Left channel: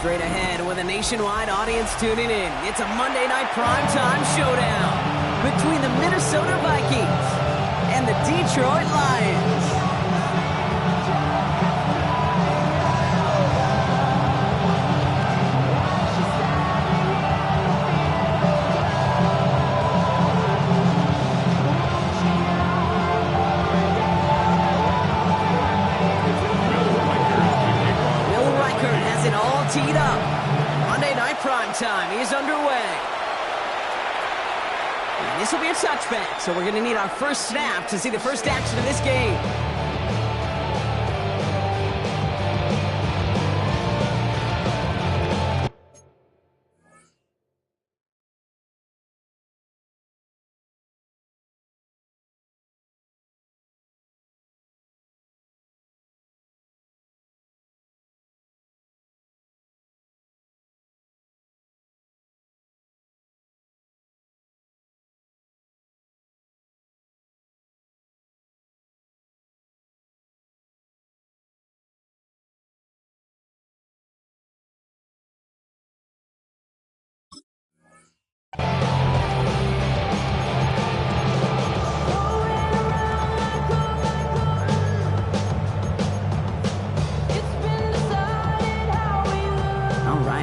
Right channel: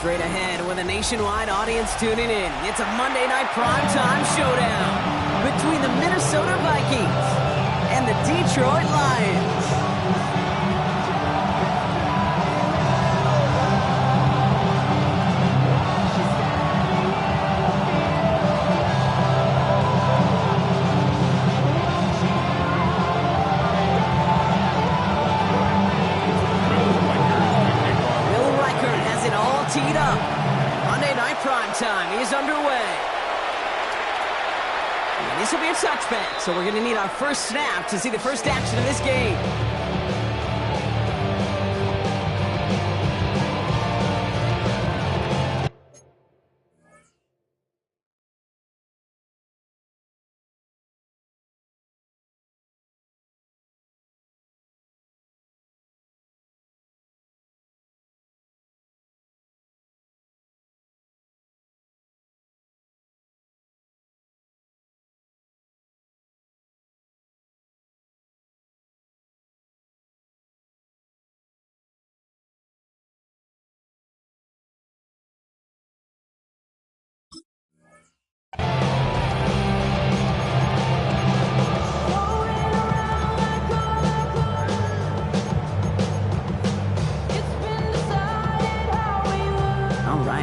Straight ahead with a nationwide audience tuning in. It's a Monday night primetime showdown between the Minnesota Vikings and the Detroit Lions. Teed up. Monday night primetime is underway. And this will be a touchback, so we're going to need our first snap to see the first action of this game.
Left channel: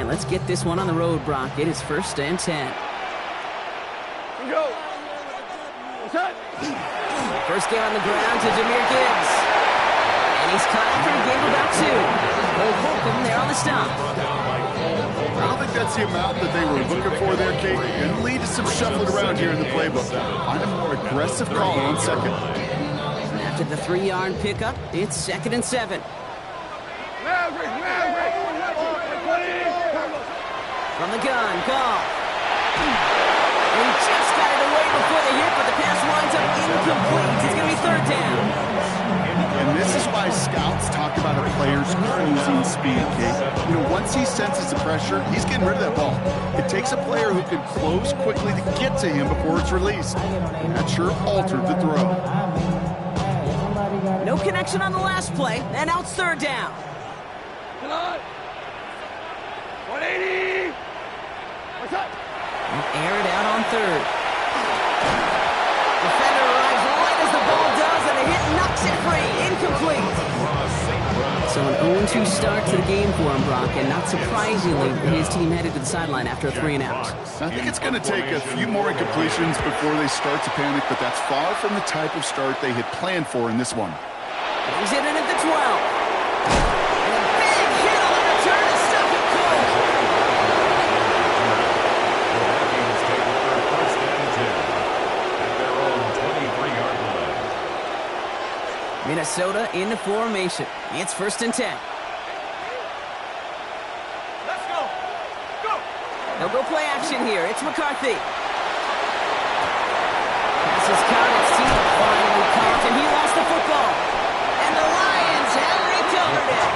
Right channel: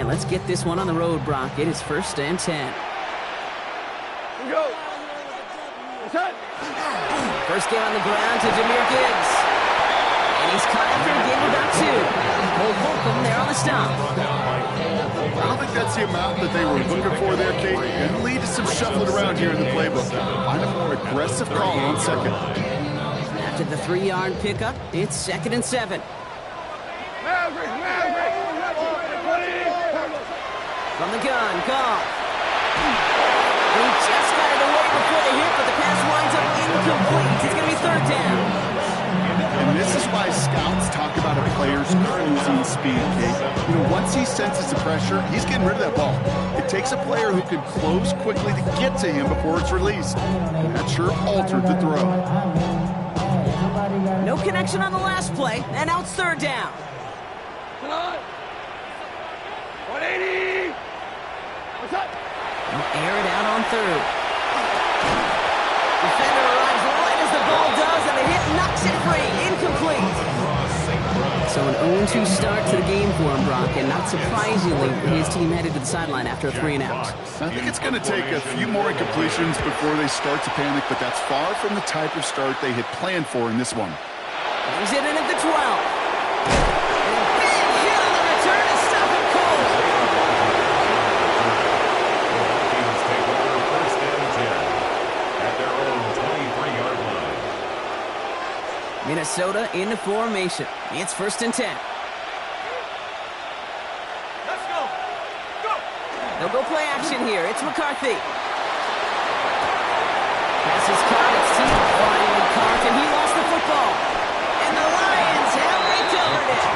Let's get this one on the road, Brock. It is 1st and 10. Go. First game on the ground to Jahmyr Gibbs. And he's caught after a game of about 2. Cole Holcomb there on the stop. I don't think that's the amount that they were looking for there, Kate. Going to lead to some shuffling around here in the playbook. Find a more aggressive call on second. After the 3-yard pickup, it's 2nd and 7. From the gun, Goff. And he just got it away before the hit, but the pass winds up incomplete. It's going to be 3rd down. And this is why scouts talk about a player's closing speed, Kate. You know, once he senses the pressure, he's getting rid of that ball. It takes a player who can close quickly to get to him before it's released. And that sure altered the throw. No connection on the last play, and now it's 3rd down. Come on. 180. What's up? They'll air it out on 3rd. Defender arrives right as the ball does, and the hit knocks it free. Incomplete. So an 0-2 start to the game for him, Brock, and not surprisingly, his team headed to the sideline after a 3-and-out. I think it's going to take a few more incompletions before they start to panic, but that's far from the type of start they had planned for in this one. He's in at the 12. And a big hit on the return to stop it cold. The Vikings take over 1st and 10 at their own 23-yard line. Minnesota in the formation. It's 1st and 10. Let's go. Go. They'll go play action here. It's McCarthy. Pass is caught. It's team finally caught, and he lost the football. And the Lions have recovered it.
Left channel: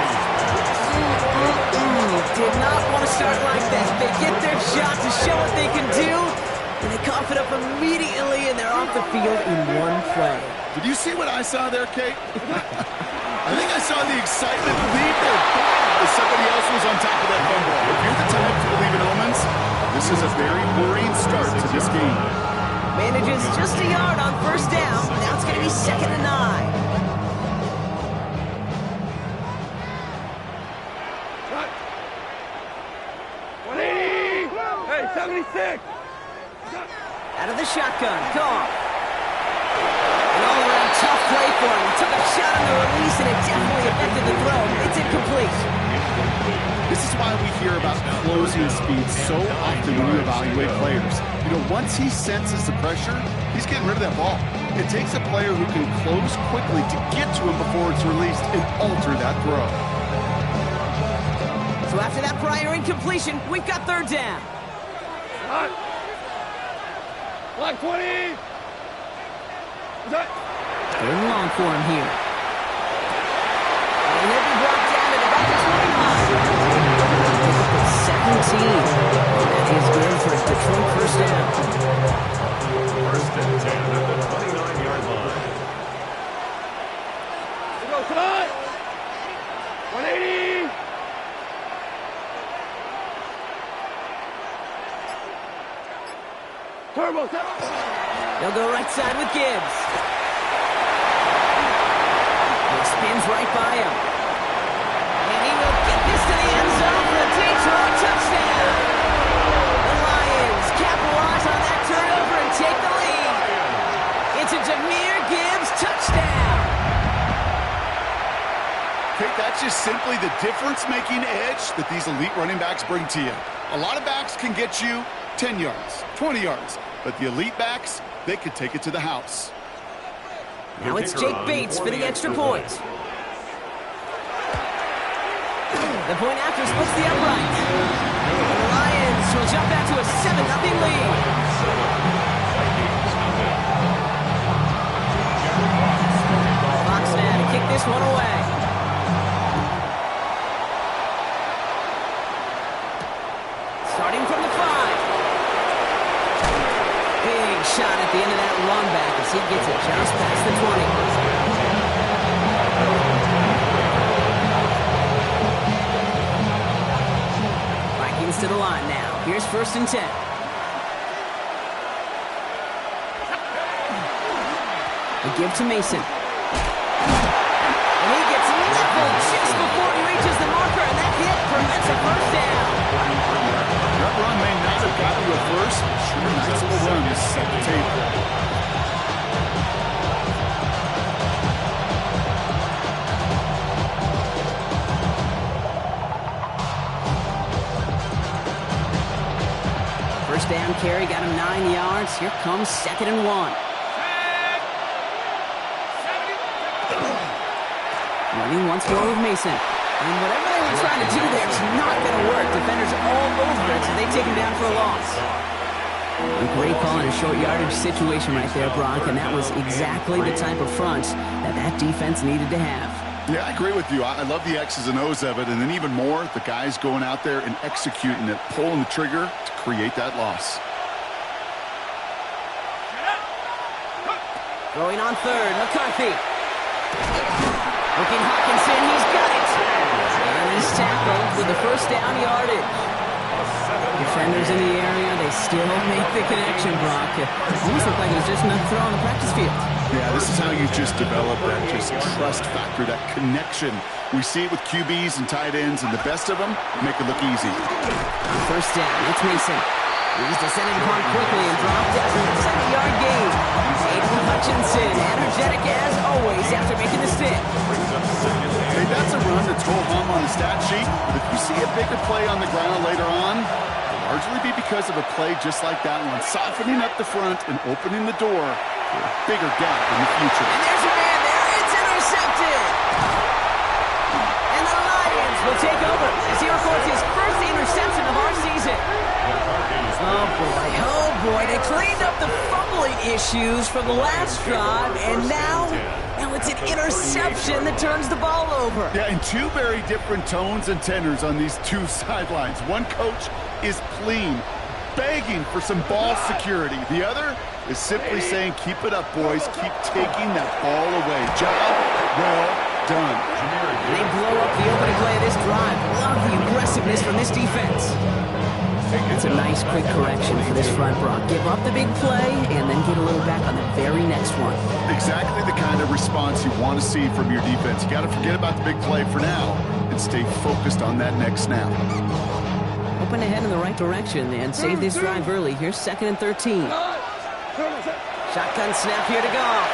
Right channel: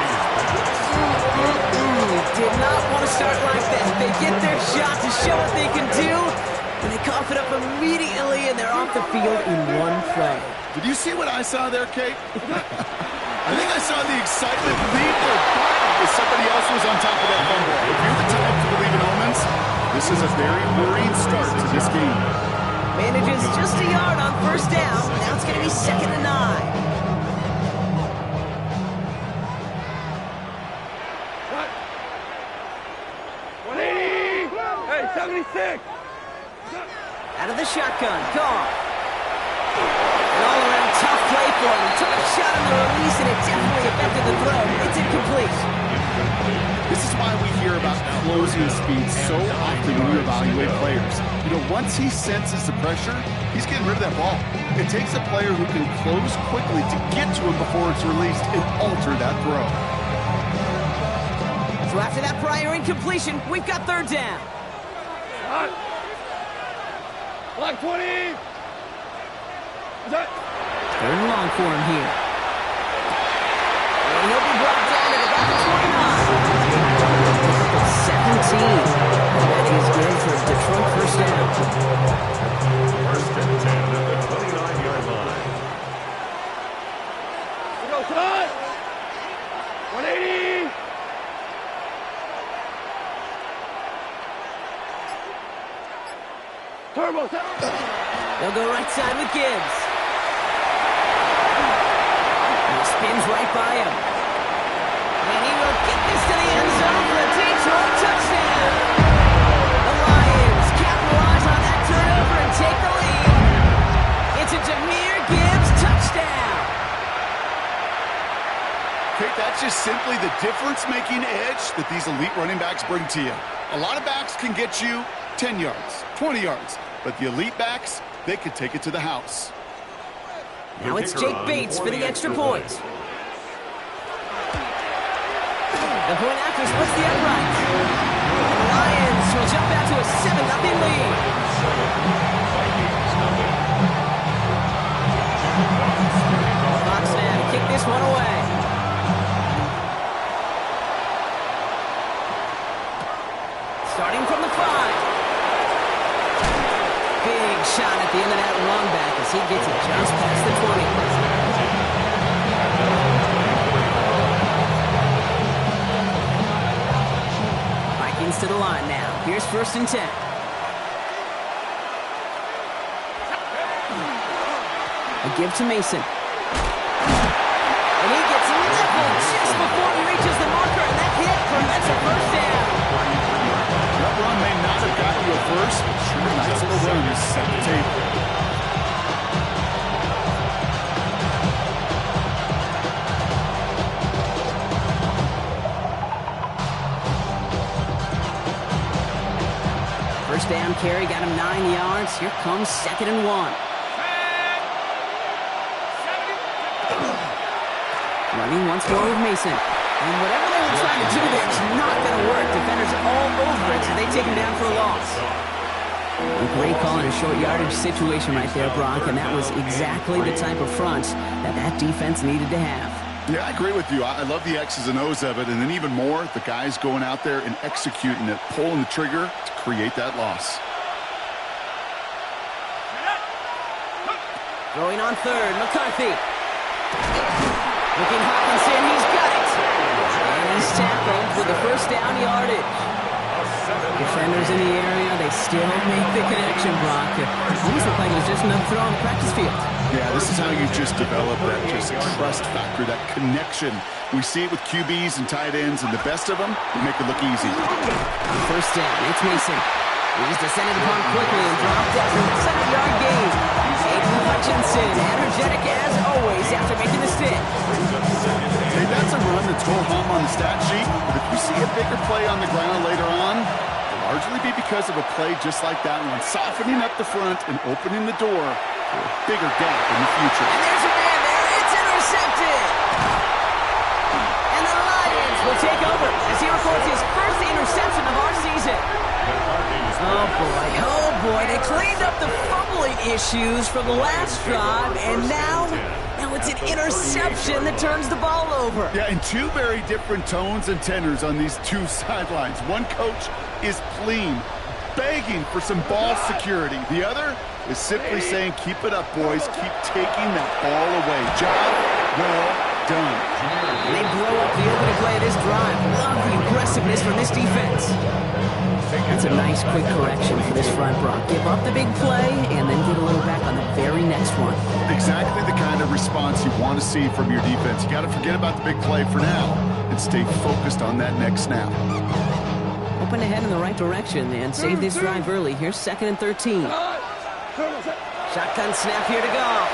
Did not want to start like that. They get their shot to show what they can do, and they cough it up immediately, and they're off the field in one play. Did you see what I saw there, Kate? I think I saw the excitement leave their body as somebody else was on top of that fumble. If you're the type to believe in omens, this is a very worrying start to this game. Manages just a yard on 1st down. Now it's going to be 2nd and 9. Cut. 180. Hey, 76. Out of the shotgun, Goff. An all-around tough play for him. He took a shot on the release, and it definitely affected the throw. It's incomplete. This is why we hear about closing speed so often when you evaluate players. You know, once he senses the pressure, he's getting rid of that ball. It takes a player who can close quickly to get to him before it's released and alter that throw. So after that prior incompletion, we've got 3rd down. Block 20. What's that? 3rd and long for him here. And he'll be brought down at about the 29. 17. That is good for Detroit 1st down. 1st and 10 at the 29-yard line. We go, come on. 180. Turbo. They'll go right side with Gibbs. And he spins right by him. And he will get this to the end zone for a Detroit touchdown. The Lions capitalize on that turnover and take the lead. It's a Jahmyr Gibbs touchdown. Kate, that's just simply the difference-making edge that these elite running backs bring to you. A lot of backs can get you 10 yards, 20 yards, but the elite backs, they could take it to the house. Now it's Jake Bates for the extra point. The point after splits the uprights. And the Lions will jump out to a 7-0 lead. Fox now to kick this one away. Starting from the 5. Big shot at the end of that run back as he gets it just past the 20. Vikings to the line now. Here's 1st and 10. A give to Mason. And he gets leveled just before he reaches the marker, and that hit prevents a first down. That run may not have gotten you a first. Sure, nice little run to set the table. First down carry got him 9 yards. Here comes 2nd and 1. Running once more with Mason. And whatever they were trying to do there is not going to work. Defenders all over it, so they take him down for a loss. A great call in a short yardage situation right there, Brock, and that was exactly the type of front that defense needed to have. Yeah, I agree with you. I love the X's and O's of it, and then even more, the guys going out there and executing it, pulling the trigger to create that loss. Throwing on 3rd, McCarthy. Looking Hawkinson, he's got it. And he's tackled with the first down yardage. Defenders in the area, they still make the connection, Brock. It almost looked like it was just another throw on the practice field. Yeah, this is how you just develop that just trust factor, that connection. We see it with QBs and tight ends, and the best of them make it look easy. On 1st down, it's Mason. He's descended upon quickly and dropped after a 7-yard gain. Aiden Hutchinson, energetic as always after making the stick. Hey, that's a run that's go-hum on the stat sheet, but if you see a bigger play on the ground later on, it'll largely be because of a play just like that one, softening up the front and opening the door for a bigger gap in the future. And there's a man there. It's intercepted. And the Lions will take over as he records his first interception of our season. Oh boy, they cleaned up the fumbling issues from the last drive, and now it's an interception that turns the ball over. Yeah, and two very different tones and tenors on these two sidelines. One coach is pleading, begging for some ball security. The other is simply saying, keep it up, boys. Keep taking that ball away. Job well done. And they blow up the opening play of this drive. Love the aggressiveness from this defense. That's a nice quick correction for this front, Brock. Give up the big play and then get a little back on the very next one. Exactly the kind of response you want to see from your defense. You got to forget about the big play for now and stay focused on that next snap. Open ahead in the right direction and save this drive early. Here's 2nd and 13. Shotgun snap here to Goff.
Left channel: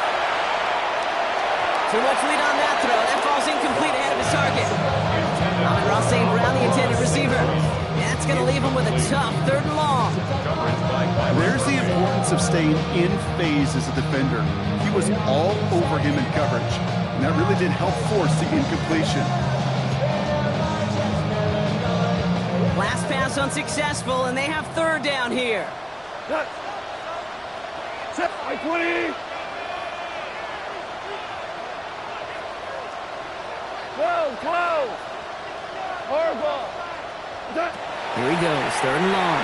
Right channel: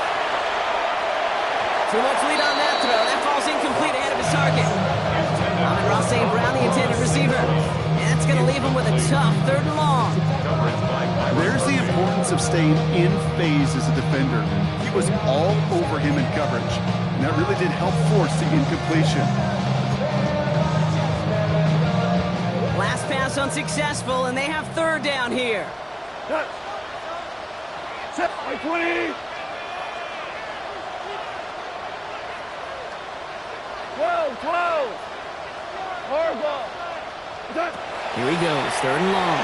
Too much lead on that throw. That falls incomplete ahead of his target. Amon-Ra St. Brown, the intended receiver. That's going to leave him with a tough 3rd and long. There's the importance of staying in phase as a defender. He was all over him in coverage, and that really did help force the incompletion. Last pass unsuccessful, and they have 3rd down here. Set by 20. 12. Horrible. Here he goes, 3rd and long.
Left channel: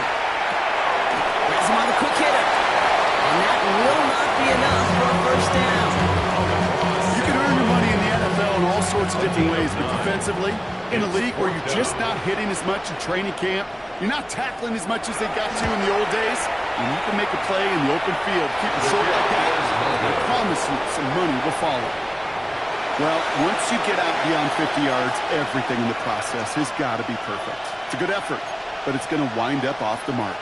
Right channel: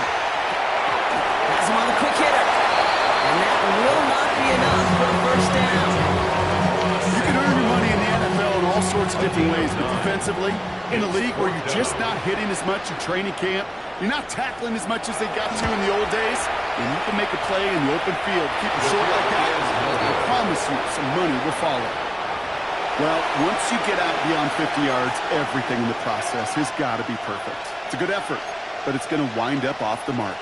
Has him on the quick hitter. And that will not be enough for a first down. You can earn your money in the NFL in all sorts of different ways, but defensively, In a league where you're just not hitting as much in training camp, you're not tackling as much as they got to in the old days, and you can make a play in the open field, keep it short like that, I promise you some money will follow. Well, once you get out beyond 50 yards, everything in the process has got to be perfect. It's a good effort, but it's going to wind up off the mark.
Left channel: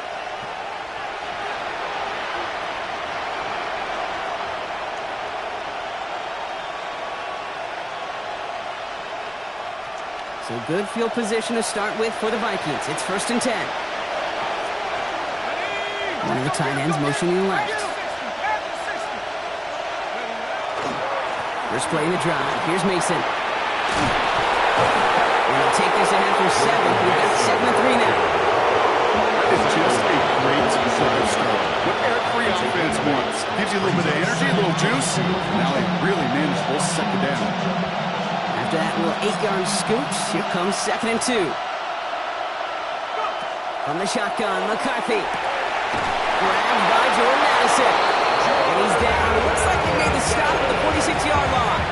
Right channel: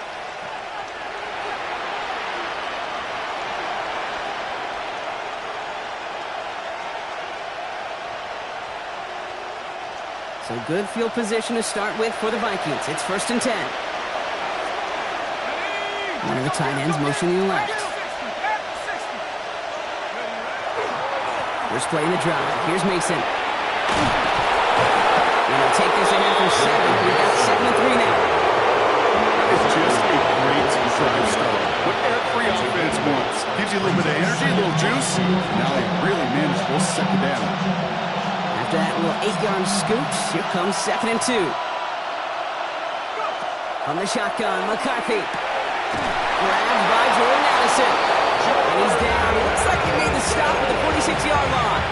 So good field position to start with for the Vikings. It's 1st and 10. One of the tight ends motioning left. First play in the drive. Here's Mason. We'll take this ahead for 7. We've got 2nd and 3 now. That is just a great drive start. What every offense wants. Gives you a little bit of energy, a little juice. Now a really manageable 2nd down. After that little 8-yard scoot, here comes 2nd and 2. From the shotgun, McCarthy. Grabbed by Jordan Addison. And he's down. It looks like he made the stop at the 46-yard line.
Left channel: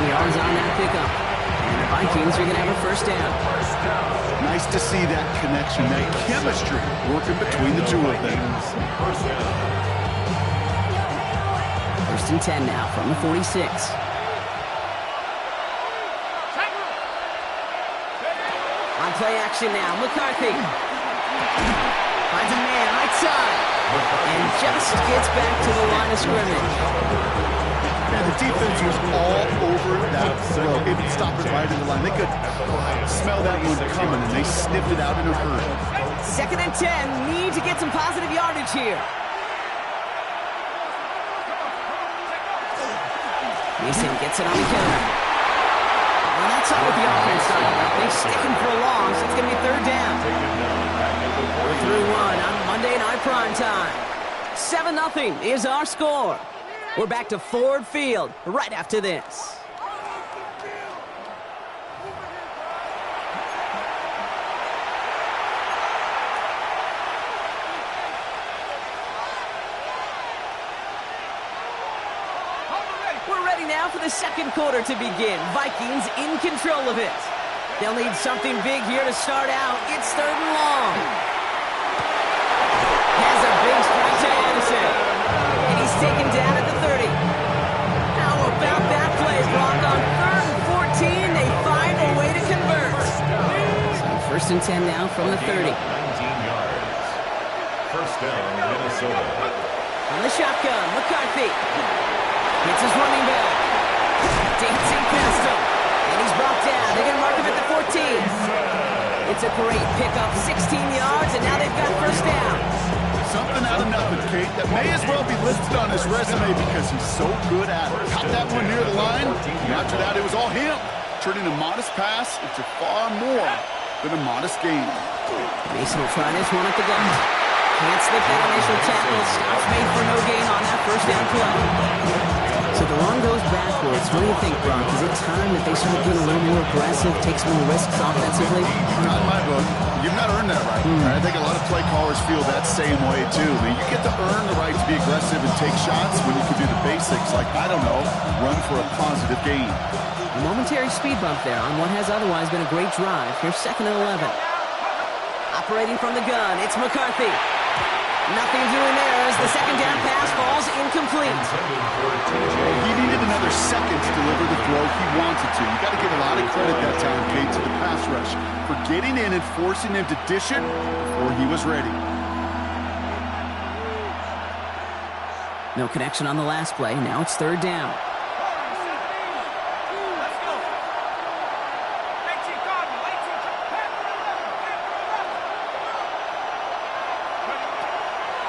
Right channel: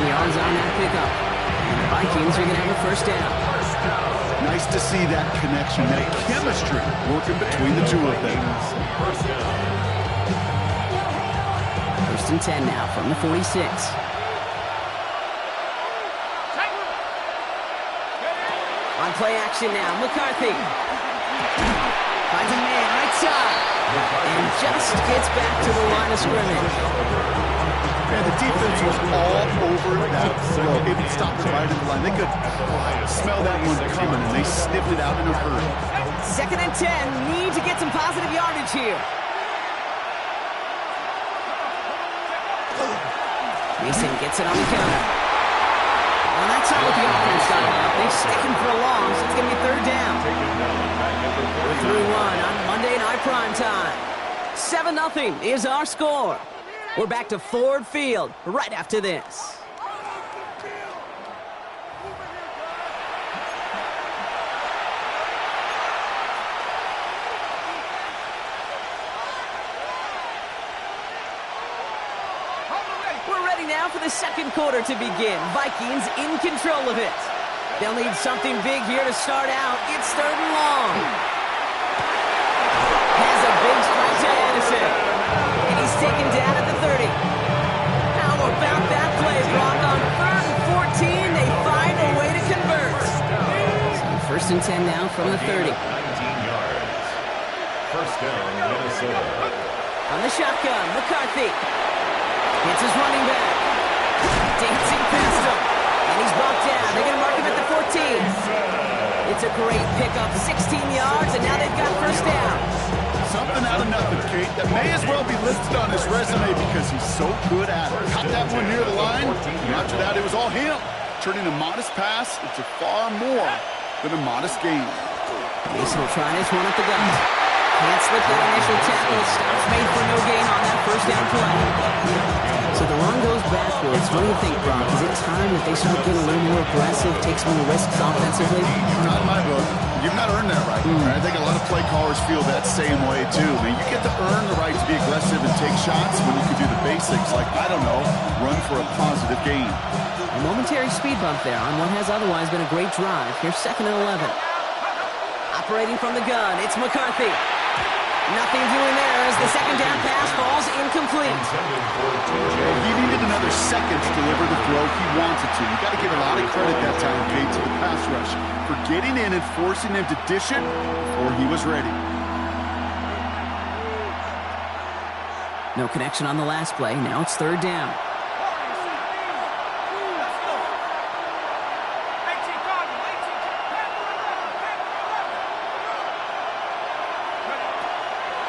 7 yards on that pickup. And the Vikings are going to have a 1st down. Nice to see that connection, that chemistry working between the two of them. 1st and 10 now from the 46. On play action now, McCarthy. Finds a man right side. And just gets back to the line of scrimmage. And the defense was all over that throw. It would stop it right in the line. They could smell that one coming, and they sniffed it out in a hurry. 2nd and 10. Need to get some positive yardage here. Mason gets it on the counter. Well, that's not what the offense started up. They stick him for a loss. It's going to be 3rd down. We're 3-1 on Monday Night Primetime. 7-0 is our score. We're back to Ford Field right after this. We're ready now for the 2nd quarter to begin. Vikings in control of it. They'll need something big here to start out. It's 3rd and long. Has a big strike to Addison. And he's taken down at the 30. How about that play, Brock? On 3rd and 14, they find a way to convert. So 1st and 10 now from the 30. 19 yards. 1st down, Minnesota. On the shotgun, McCarthy. Hits his running back. Dancing past him. And he's brought down. They're going to mark him at the 14. It's a great pickup. 16 yards, and now they've got 1st down. Something out of nothing, Kate. That may as well be listed on his resume because he's so good at it. Caught that one near the line. And after that, it was all him. Turning a modest pass into far more than a modest gain. Mason will try this one at the gun. Can't slip that initial tackle. Stops made for no gain on that 1st down play. So the run goes backwards. What do you think, Brock? Is it time that they start getting a little more aggressive, take some more risks offensively? Not in my book. You've not earned that right. I think a lot of play callers feel that same way, too. I mean, you get to earn the right to be aggressive and take shots when you can do the basics, like, I don't know, run for a positive gain. A momentary speed bump there on what has otherwise been a great drive. Here's 2nd and 11. Operating from the gun, it's McCarthy. Nothing doing there as the 2nd down pass falls incomplete. He needed another second to deliver the throw he wanted to. You got to give a lot of credit that time, Kate, to the pass rush for getting in and forcing him to dish it before he was ready. No connection on the last play. Now it's 3rd down.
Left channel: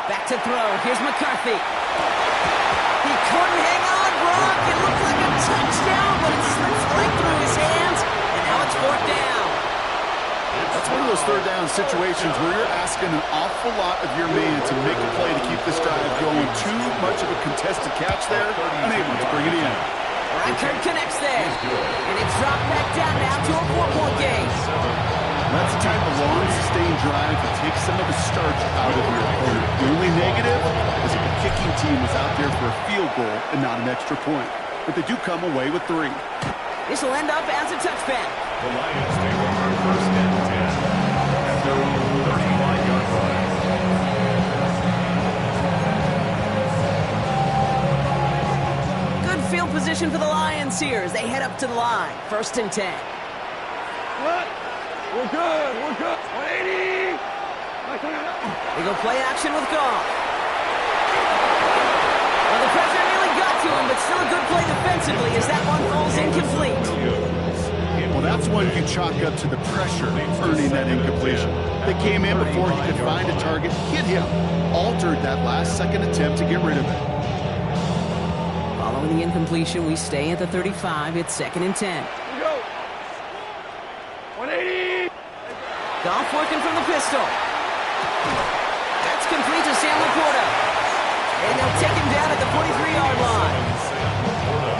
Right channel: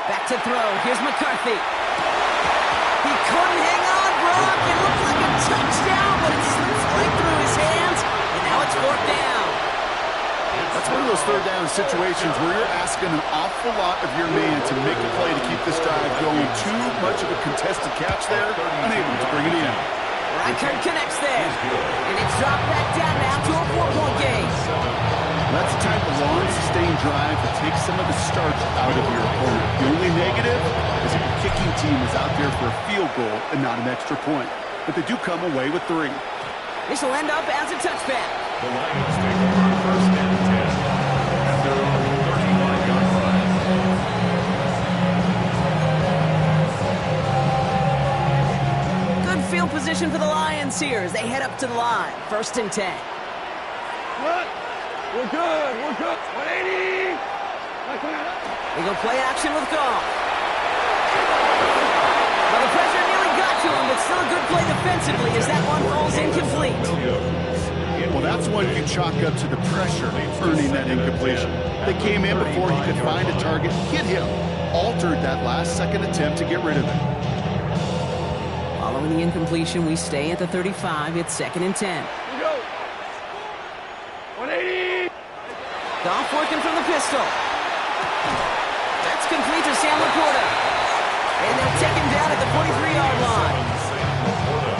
Back to throw. Here's McCarthy. He couldn't hang on, Brock. It looked like a touchdown, but it slips right through his hands, and now it's 4th down. That's one of those 3rd down situations where you're asking an awful lot of your man to make a play to keep this drive going. Too much of a contested catch there, unable to bring it in. Reichard connects there, and it's dropped back down now to a 4-point game. That's the type of long, sustained drive that takes some of the starch out of your opponent. The only negative is if the kicking team was out there for a field goal and not an extra point. But they do come away with 3. This will end up as a touchback. The Lions take over first and 10 at their own 35-yard line. Good field position for the Lions here as they head up to the line. First and 10. What? We're good. We're good. 180. They go play action with Goff. Well, the pressure nearly got to him, but still a good play defensively as that one falls incomplete. Well, that's one you chalk up to the pressure earning that incompletion. They came in before he could find a target, hit him, altered that last-second attempt to get rid of it. Following the incompletion, we stay at the 35. It's second and 10. Here we go. 180. Goff working from the pistol. That's complete to Sam Laporta. And they'll take him down at the 43-yard line.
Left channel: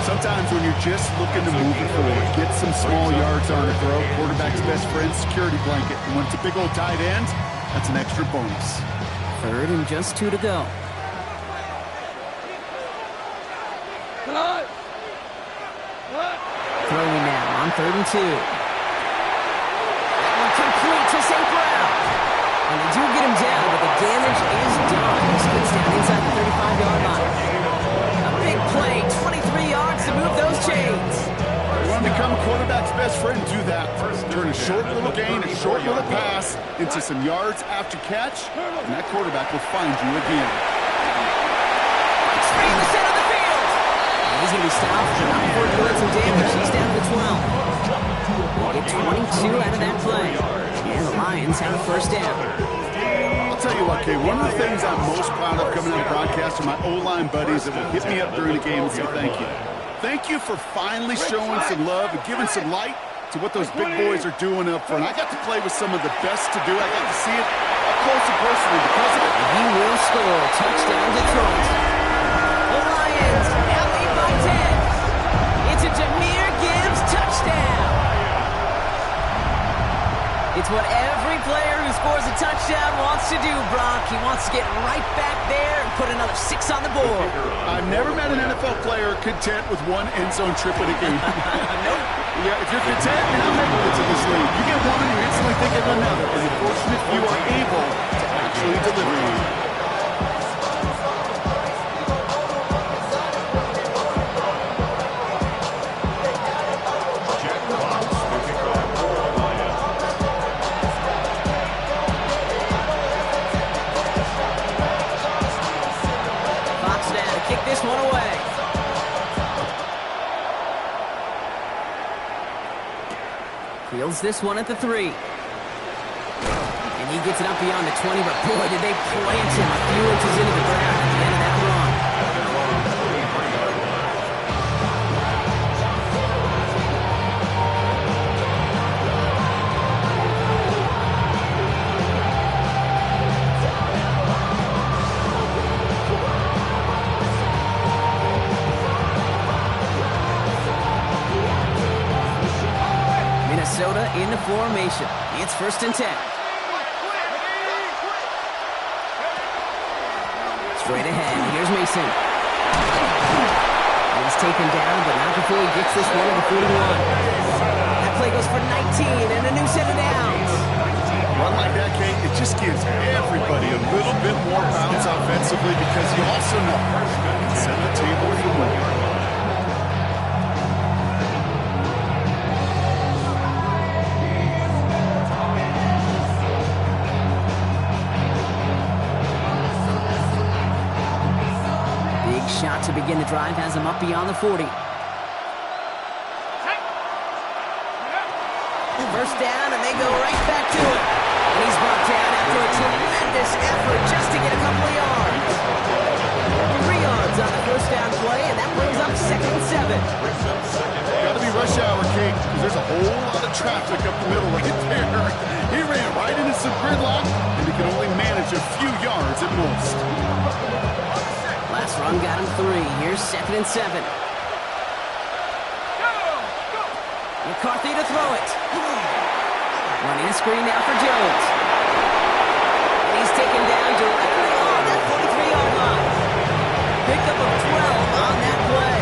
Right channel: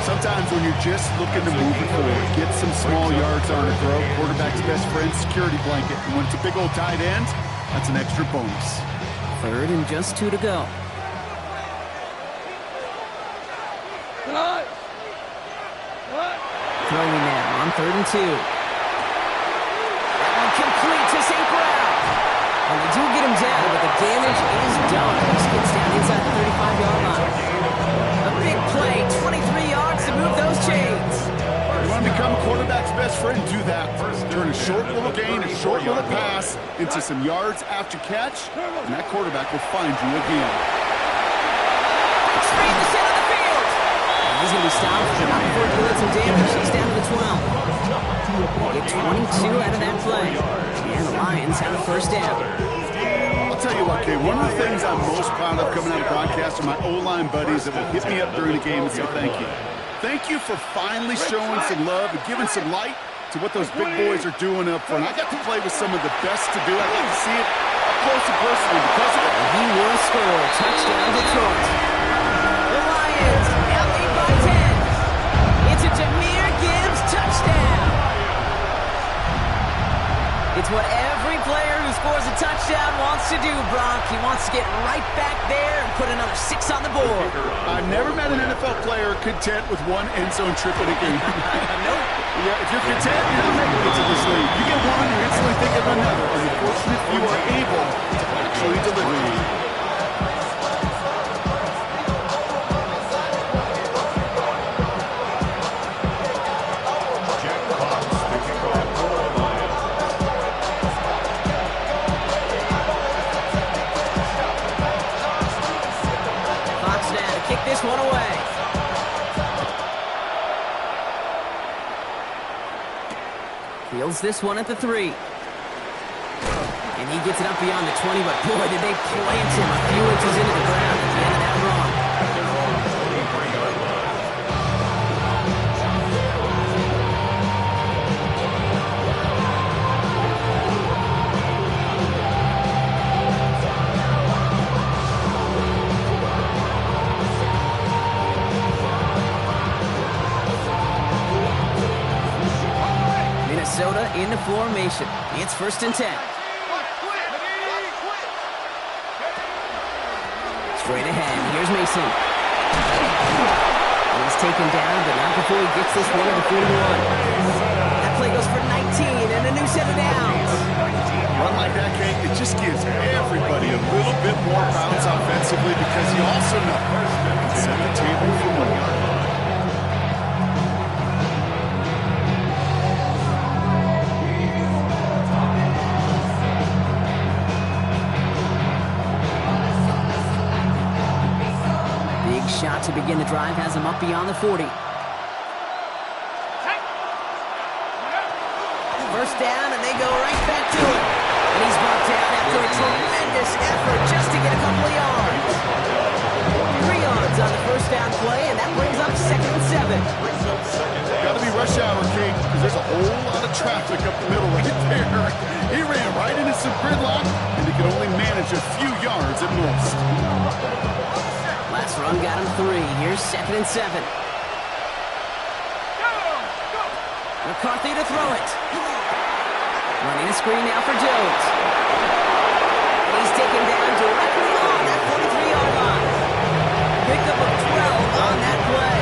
Sometimes when you're just looking to move it forward, get some small yards on a throw, quarterback's best friend, security blanket. And when it's a big old tight end, that's an extra bonus. Third and just 2 to go. Throwing now on 3rd and 2. That one complete to St. Brown. And they do get him down, but the damage is done. He gets down inside the 35-yard line. A big play, 23 yards to move those chains. You want to become a quarterback's best friend, do that. Turn a short little gain, a short little pass into some yards after catch, and that quarterback will find you again. Breaks free in the center of the field. And he's going to be stopped, but not before doing some damage. He's down to the 12. They get 22 out of that play. And the Lions have a first down. I'll tell you what, Kay, one of the things I'm most proud of coming out of broadcast are my O-line buddies that will hit me up during the game and say thank you. Thank you for finally showing some love and giving some light to what those big boys are doing up front. I got to play with some of the best to do it. I got to see it up close and personal because of it. He will score. Touchdown, Detroit. The Lions now lead by 10. It's a Jahmyr Gibbs touchdown. It's what every player who scores a touchdown wants to do, Brock. He wants to get right back there and put another 6 on the board. I've never met an NFL player content with one end zone trip in a game. Nope. Yeah, if you're content, you're not making it to this league. You get one, you're instantly thinking of another. And the fortunate few are able to actually deliver on it. Kick this one away. Fields this one at the 3. And he gets it up beyond the 20, but boy, did they plant him a few inches into the ground at the end of that run. At their own 23-yard line. Minnesota in the formation. It's first and 10. Straight ahead. Here's Mason. He's taken down, but not before he gets this one at the 41. That play goes for 19 and a new set of downs. Run like that, Kate, it just gives everybody a little bit more bounce offensively because you also know you can set the table for more. Shot to begin the drive has him up beyond the 40. First down, and they go right back to it. And he's brought down after a tremendous effort just to get a couple of yards. 3 yards on the first down play, and that brings up second and 7. Got to be rush hour, Kate, because there's a whole lot of traffic up the middle right there. He ran right into some gridlock, and he could only manage a few yards at most. Last run got him 3. Here's second and 7. McCarthy to throw it. Running a screen now for Jones. And he's taken down directly on that 43-yard line. Pickup of 12 on that play.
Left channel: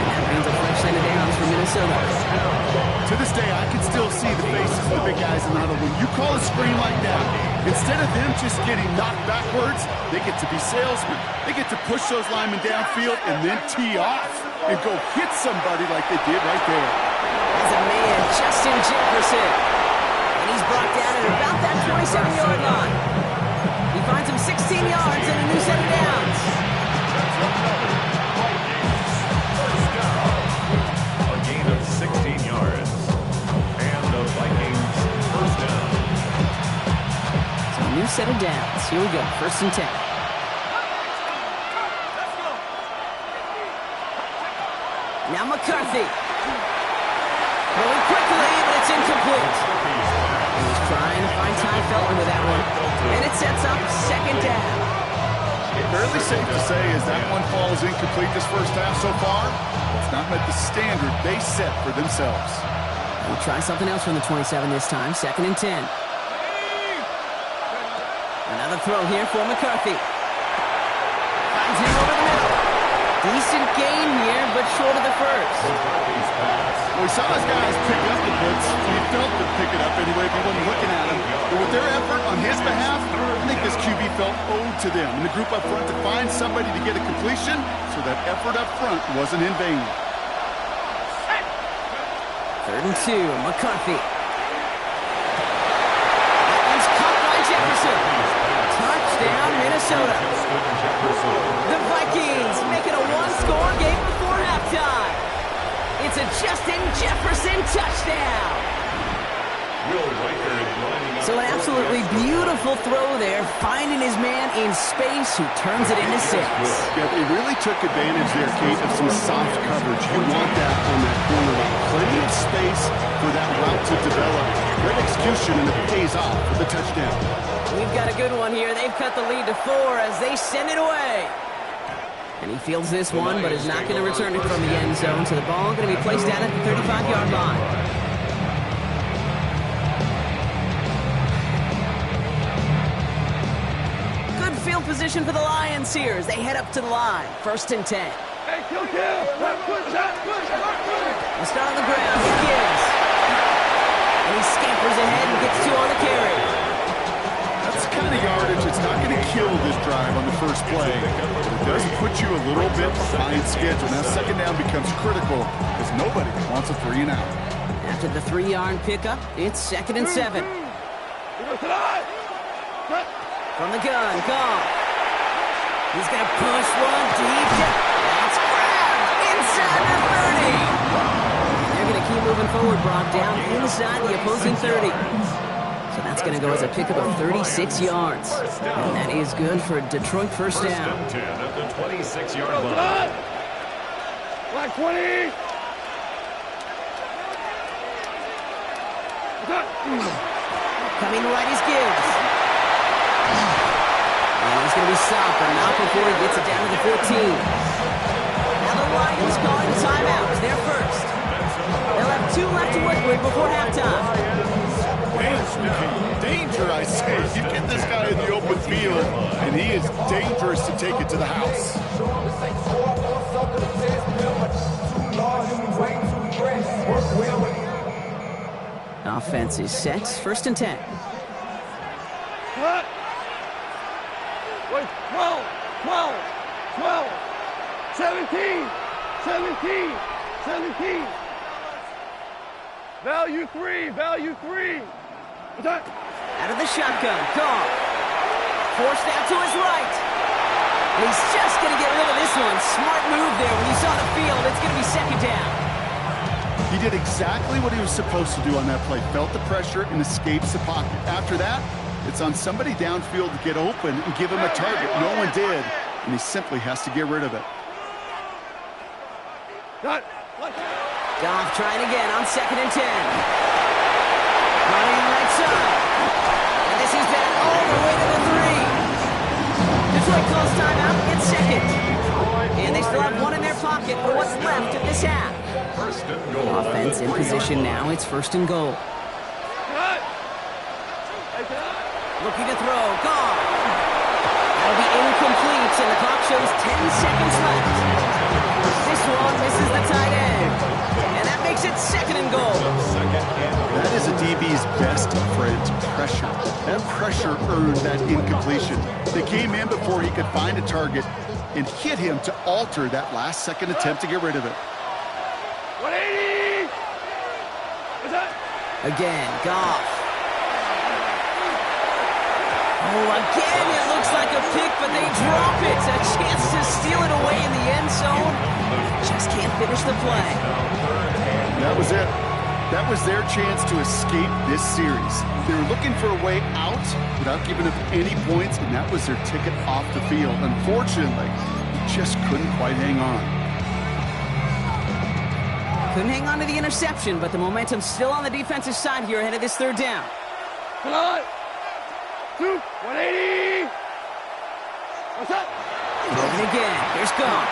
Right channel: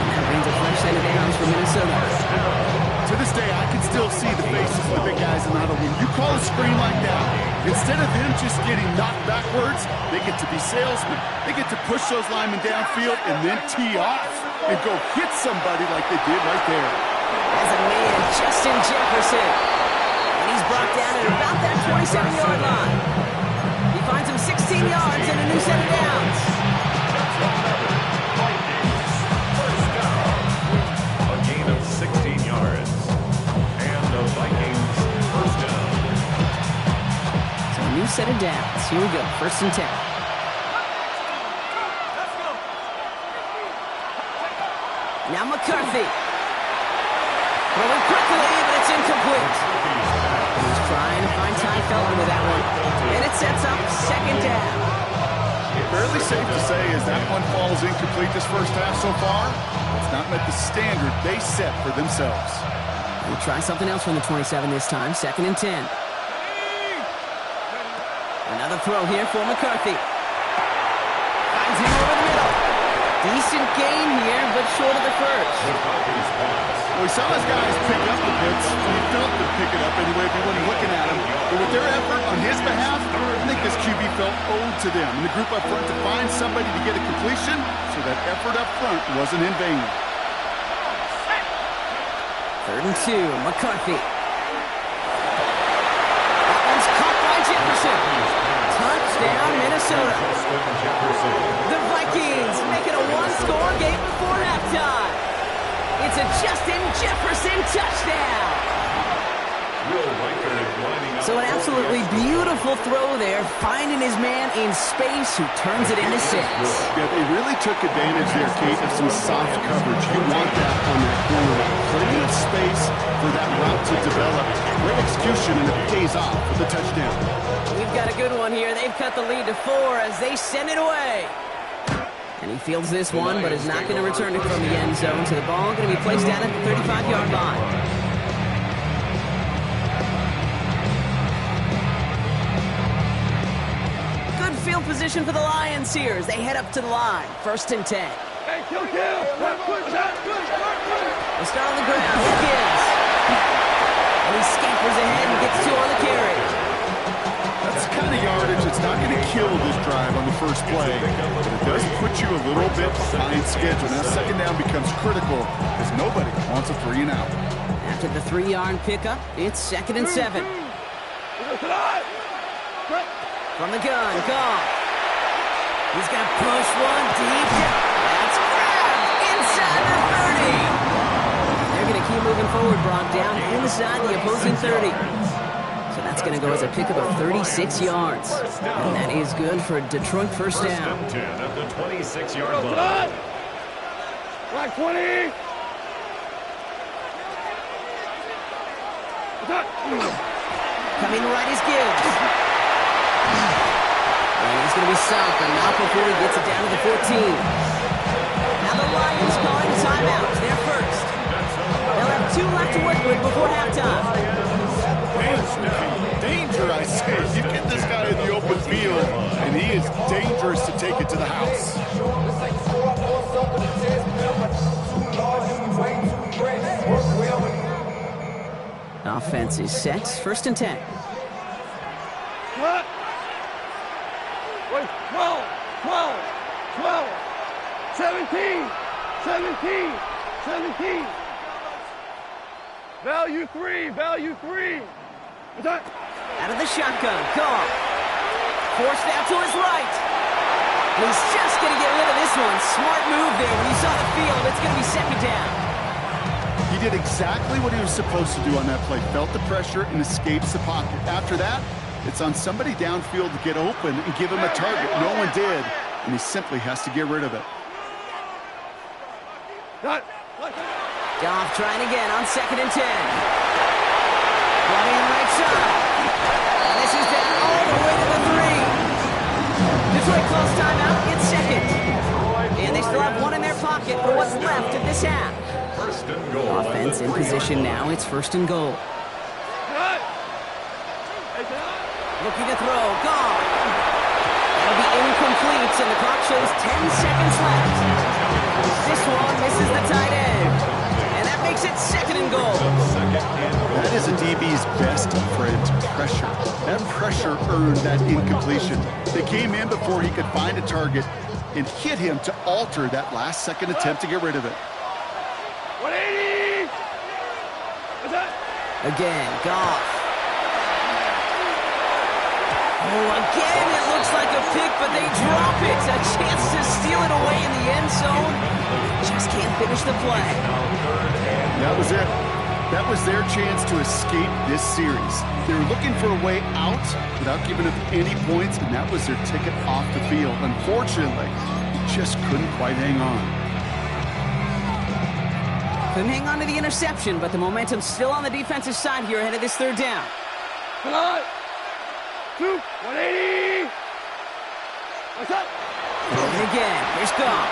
And that brings a fresh set of downs for Minnesota. To this day, I can still see the faces of the big guys in the huddle. When you call a screen like that, instead of them just getting knocked backwards, they get to be salesmen. They get to push those linemen downfield and then tee off and go hit somebody like they did right there. As a man, Justin Jefferson. And he's brought down at about that 27-yard line. He finds him 16 yards and a new set of downs. That's another Vikings first down. A gain of 16 yards. And the Vikings first down. So a new set of downs. Here we go, 1st and 10. Now McCarthy. Throwing quickly, but it's incomplete. He's trying to find Ty Felton with that one. And it sets up 2nd down. Fairly safe to say as that one falls incomplete this first half so far, it's not met the standard they set for themselves. We'll try something else from the 27 this time. 2nd and 10. Another throw here for McCarthy. Finds him over the middle. Decent gain here, but short of the first. McCarthy's pass. Well, we saw his guys pick up the blitz. He felt them pick it up anyway if he wasn't looking at him. But with their effort on his behalf, I think this QB felt owed to them and the group up front to find somebody to get a completion, so that effort up front wasn't in vain. 3rd and 2, McCarthy. That one's caught by Jefferson. Touchdown, Minnesota. The Vikings make it a one-score game before halftime. It's a Justin Jefferson touchdown. So an absolutely beautiful throw there, finding his man in space who turns it into 6. Yeah, they really took advantage there, Kate, of some soft coverage. You want that on that corner route. Plenty of space for that route to develop. Great execution, and it pays off with a touchdown. We've got a good one here. They've cut the lead to 4 as they send it away. And he fields this one, but is not going to return it from the end zone. So the ball going to be placed down at the 35-yard line. Good field position for the Lions here as they head up to the line. 1st and 10. Hey, kill. Good shot. They'll start on the ground. Here Gibbs. And he scampers ahead and gets 2 on the carry. That's the kind of yardage that's not going to kill this drive on the first play, but it does put you a little bit behind schedule. Now 2nd down becomes critical because nobody wants a 3 and out. After the 3-yard pickup, it's 2nd and 7. From the gun, Goff. He's going to push one deep. That's grabbed inside the 30. And they're going to keep moving forward, Brock, down inside the opposing 30. So that's going to go as a pickup of 36 yards. And that is good for a Detroit first down. 10 at the 26-yard line. Black 20. Coming right is Gibbs. And he's going to be stopped, but not before he gets it down to the 14. Now the Lions calling timeouts. They're first. They'll have 2 left to work with before halftime. Danger, I say. You get this guy in the open field, and he is dangerous to take it to the house. Offense is set. 1st and 10. Cut. Wait, 12. 17. Value 3. Out of the shotgun, Goff. Forced out to his right. And he's just going to get rid of this one. Smart move there. When you saw the field, it's going to be 2nd down. He did exactly what he was supposed to do on that play. Felt the pressure and escapes the pocket. After that, it's on somebody downfield to get open and give him a target. No one did, and he simply has to get rid of it. Goff trying again on 2nd and 10. Running on the right side. And this is down all the way to the 3. Detroit calls timeout. It's 2nd. And they still have 1 in their pocket for what's left of this half. 1st and goal. Offense in position now. It's 1st and goal. Looking to throw. Goff. That'll be incomplete, and the clock shows 10 seconds left. This one misses the tight end. And that makes it 2nd and goal. That is a DB's best friend, pressure. That pressure earned that incompletion. They came in before he could find a target and hit him to alter that last-second attempt to get rid of it. 180! What's that? Again, Goff. Oh, again, it looks like a pick, but they drop it. A chance to steal it away in the end zone. Just can't finish the play. That was it. That was their chance to escape this series. They were looking for a way out without giving up any points, and that was their ticket off the field. Unfortunately, they just couldn't quite hang on. Couldn't hang on to the interception, but the momentum's still on the defensive side here ahead of this 3rd down. Come on! 2, 180! What's up? And again, here's Goff.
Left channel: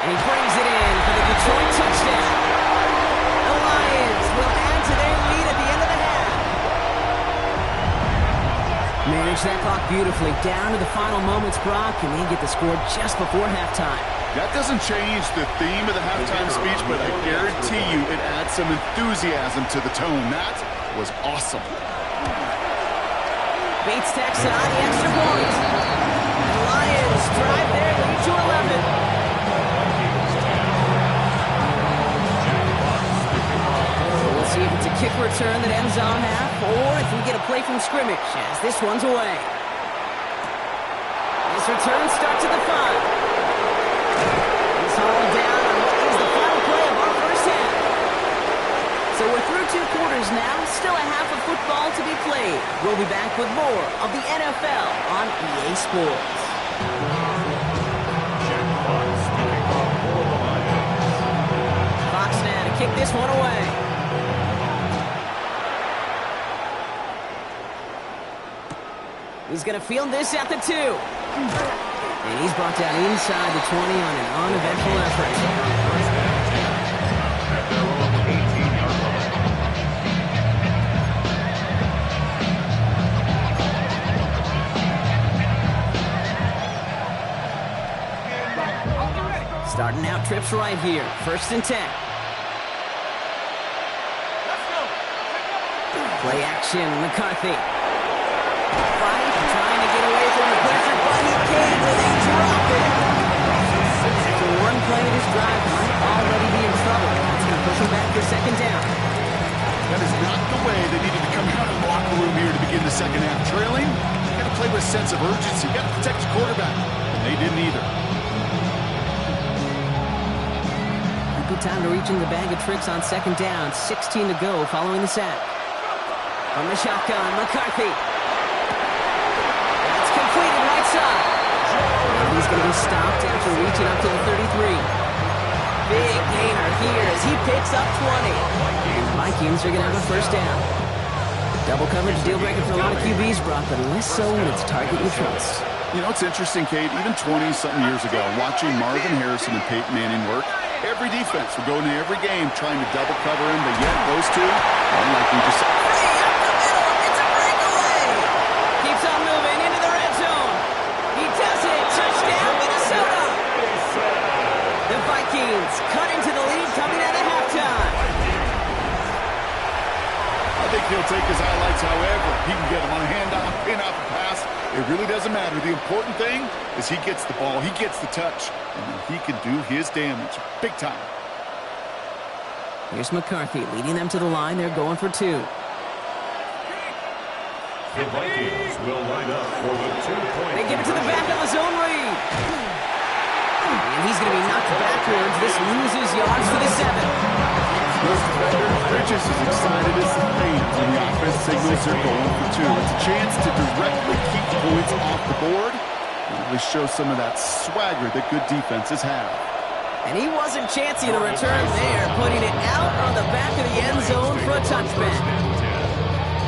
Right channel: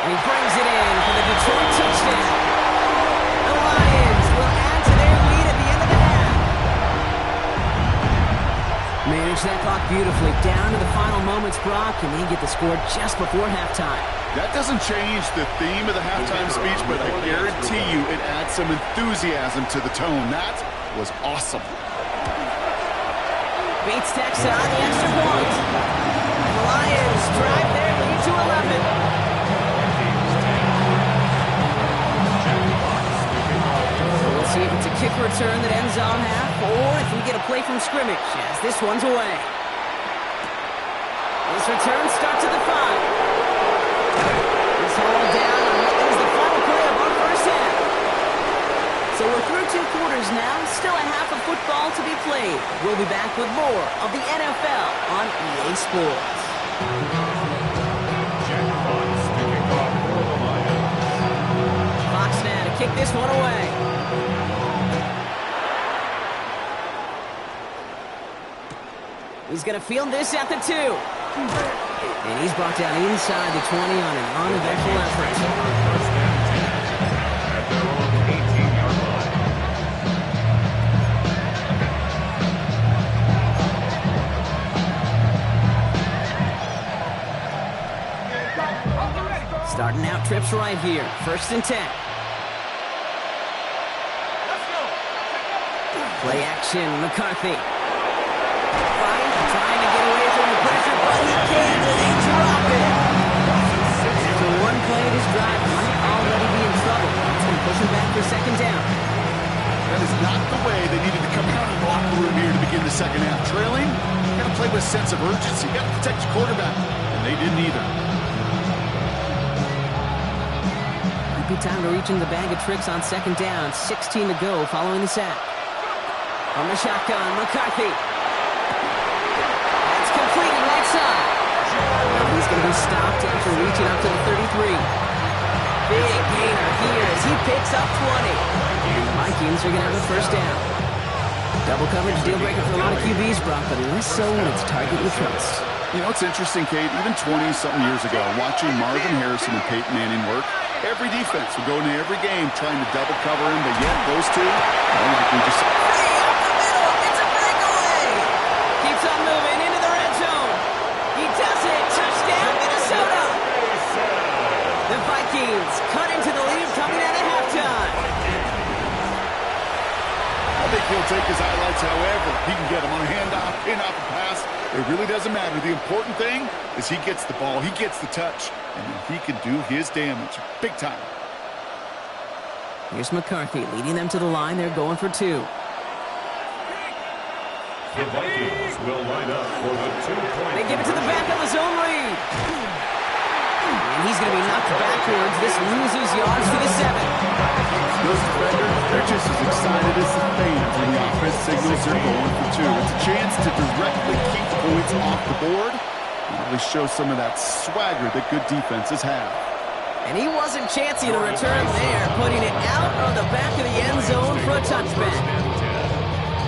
And he brings it in for the Detroit touchdown. The Lions will add to their lead at the end of the half. Manage that clock beautifully down to the final moments, Brock, and they get the score just before halftime. That doesn't change the theme of the halftime speech, but I guarantee you it adds some enthusiasm to the tone. That was awesome. Bates tacks on the extra point. And the Lions drive their lead to 11. So we'll see if it's a kick return that ends on half, or if we get a play from scrimmage as this one's away. This return starts at the 5. It's hauled down on what is the final play of our first half. So we're through 2 quarters now, still a half of football to be played. We'll be back with more of the NFL on EA Sports. Jack Fox to kick off for the Lions. Fox now to kick this one away. He's going to field this at the 2. And he's brought down inside the 20 on an uneventful effort. First and 10 at their own 18-yard line. Starting out trips right here. 1st and 10. Play action, McCarthy. Trying to get away from the pressure, but he can't, and they drop it. So one play of this drive might already be in trouble. That's going to push him back for 2nd down. That is not the way they needed to come out of the locker room here to begin the 2nd half. Trailing, you got to play with a sense of urgency. You got to protect your quarterback, and they didn't either. Might be time to reach in the bag of tricks on 2nd down. 16 to go following the sack. From the shotgun, McCarthy. That's completed right side. And he's going to be stopped after reaching up to the 33. Big gainer here as he picks up 20. And the Vikings are going to have a 1st down. Double coverage deal breaker for a lot of QBs, Brock, but less so when it's target you trust. You know, it's interesting, Kate, even 20-something years ago, watching Marvin Harrison and Peyton Manning work, every defense would go into every game trying to double cover him, but yet those two, like we just saw. Free up the middle, it's a breakaway! Keeps on moving into the red zone. He does it, touchdown Minnesota! The Vikings cut into the lead coming out of halftime. I think he'll take his highlights however he can get them on a handoff, pin off a pass. It really doesn't matter. The important thing is he gets the ball, he gets the touch, and then he can do his damage. Big time. Here's McCarthy leading them to the line. They're going for 2. The Vikings will line up for the 2-point. They give it to the back of the zone read. And he's going to be knocked backwards. This loses yards to the 7. Those defenders, they're just as excited as the fans when the offense signals they're going for 2. It's a chance to directly keep points off the board and really show some of that swagger that good defenses have. And he wasn't chancing the return there, putting it out on the back of the end zone for a touchback.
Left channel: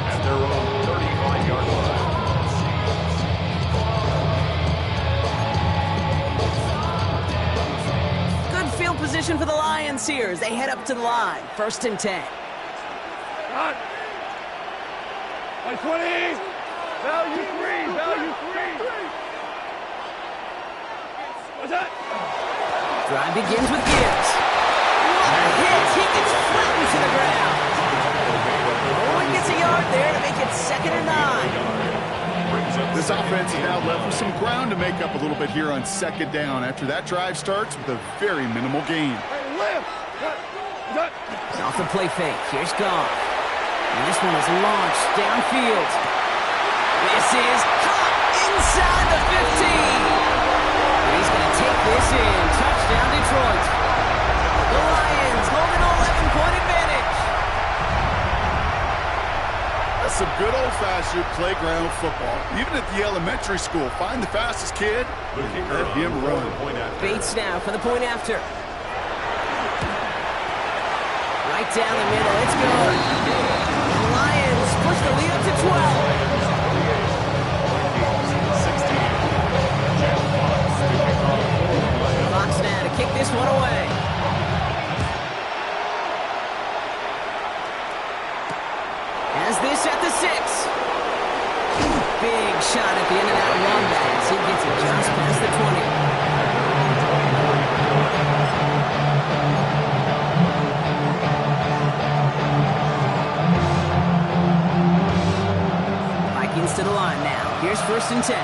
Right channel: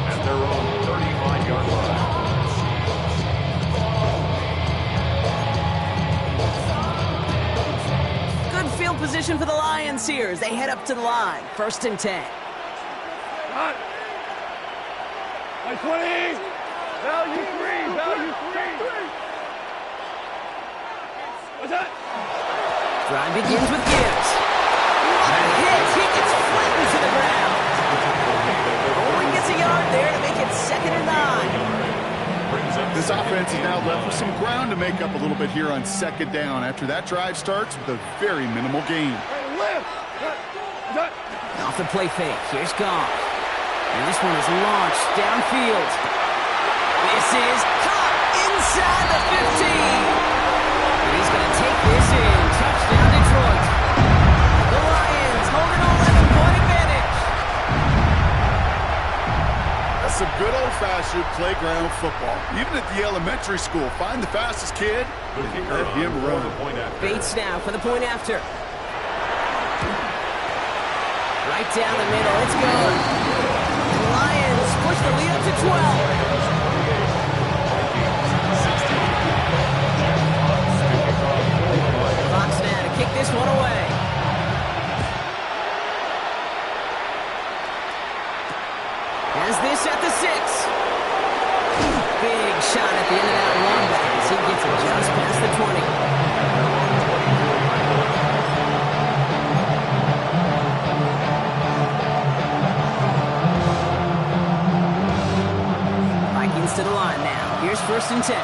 At their own 35-yard line. Field position for the Lions here as they head up to the line. 1st and 10. Got 20. Value 3. Value 3. What's that? Drive begins with Gibbs. What a hit! He gets flattened to the ground. Only gets a yard there to make it 2nd and 9. This offense is now left with some ground to make up a little bit here on 2nd down after that drive starts with a very minimal gain. Off the play fake, here's Goff. And this one is launched downfield. This is caught inside the 15. And he's going to take this in. Touchdown, Detroit. The Lions hold an 11-point advantage. That's some good old-fashioned playground football. Even at the elementary school, find the fastest kid and let him run. Bates now for the point after. Right down the middle, it's good. The Lions push the lead up to 12. Fox now to kick this one away. Has this at the 6. Big shot at the end of that run back as he gets it just past the 20. Vikings to the line now. Here's 1st and 10.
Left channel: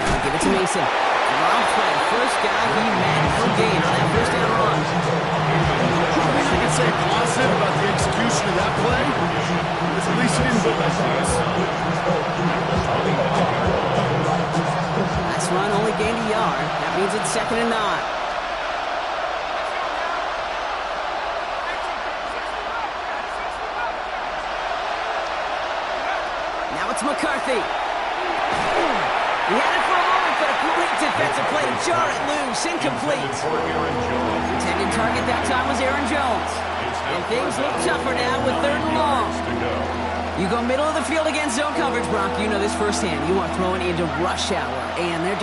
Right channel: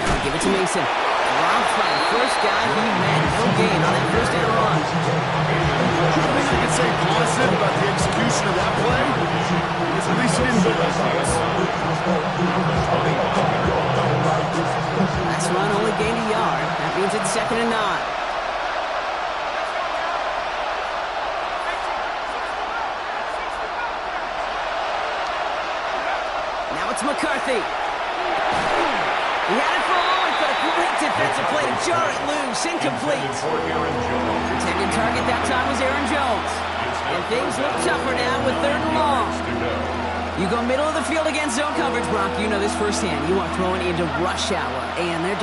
Now give it to Mason. Dropped by the first guy he met. No gain on that 1st down run. I think you can say positive about the execution of that play. At least he didn't go backwards. Last run only gained a yard. That means it's 2nd and 9. Now it's McCarthy. He had it for a moment, but a great defensive play to jar it loose. Incomplete. Intended target that time was Aaron Jones. And things look tougher now with 3rd and long. You go middle of the field against zone coverage, Brock. You know this firsthand. You are throwing into rush hour. And there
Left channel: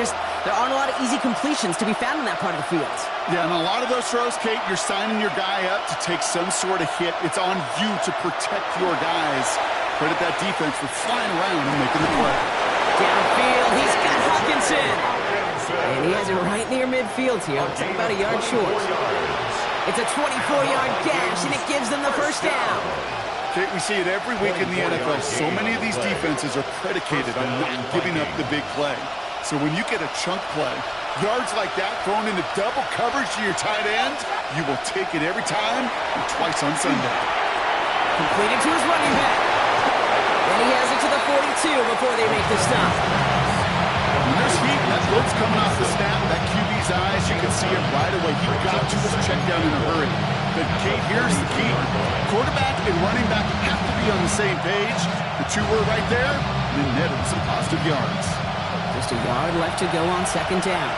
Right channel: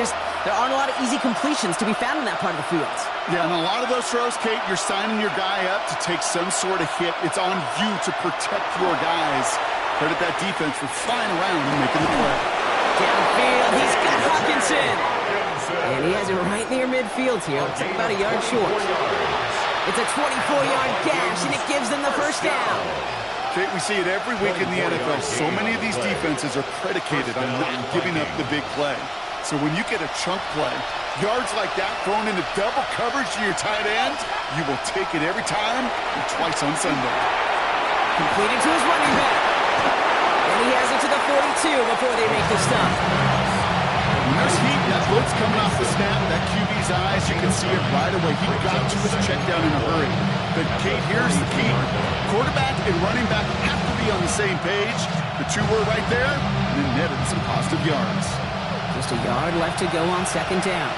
aren't a lot of easy completions to be found in that part of the field. Yeah, and a lot of those throws, Kate, you're signing your guy up to take some sort of hit. It's on you to protect your guys. Credit that defense for flying around and making the play. Downfield, he's got Hawkinson. And he has it right near midfield here. Looks like about a yard short. It's a 24-yard gash, and it gives them the 1st down. Kate, we see it every week in the NFL. So many of these defenses are predicated on not giving up the big play. So when you get a chunk play, yards like that thrown into double coverage to your tight end, you will take it every time and twice on Sunday. Completed to his running back. And he has it to the 42 before they make the stop. When there's heat, that blitz coming off the snap, that QB's eyes, you can see it right away. He got to his check down in a hurry. But, Kate, here's the key. Quarterback and running back have to be on the same page. The two were right there, and then netted some positive yards. Just a yard left to go on 2nd down.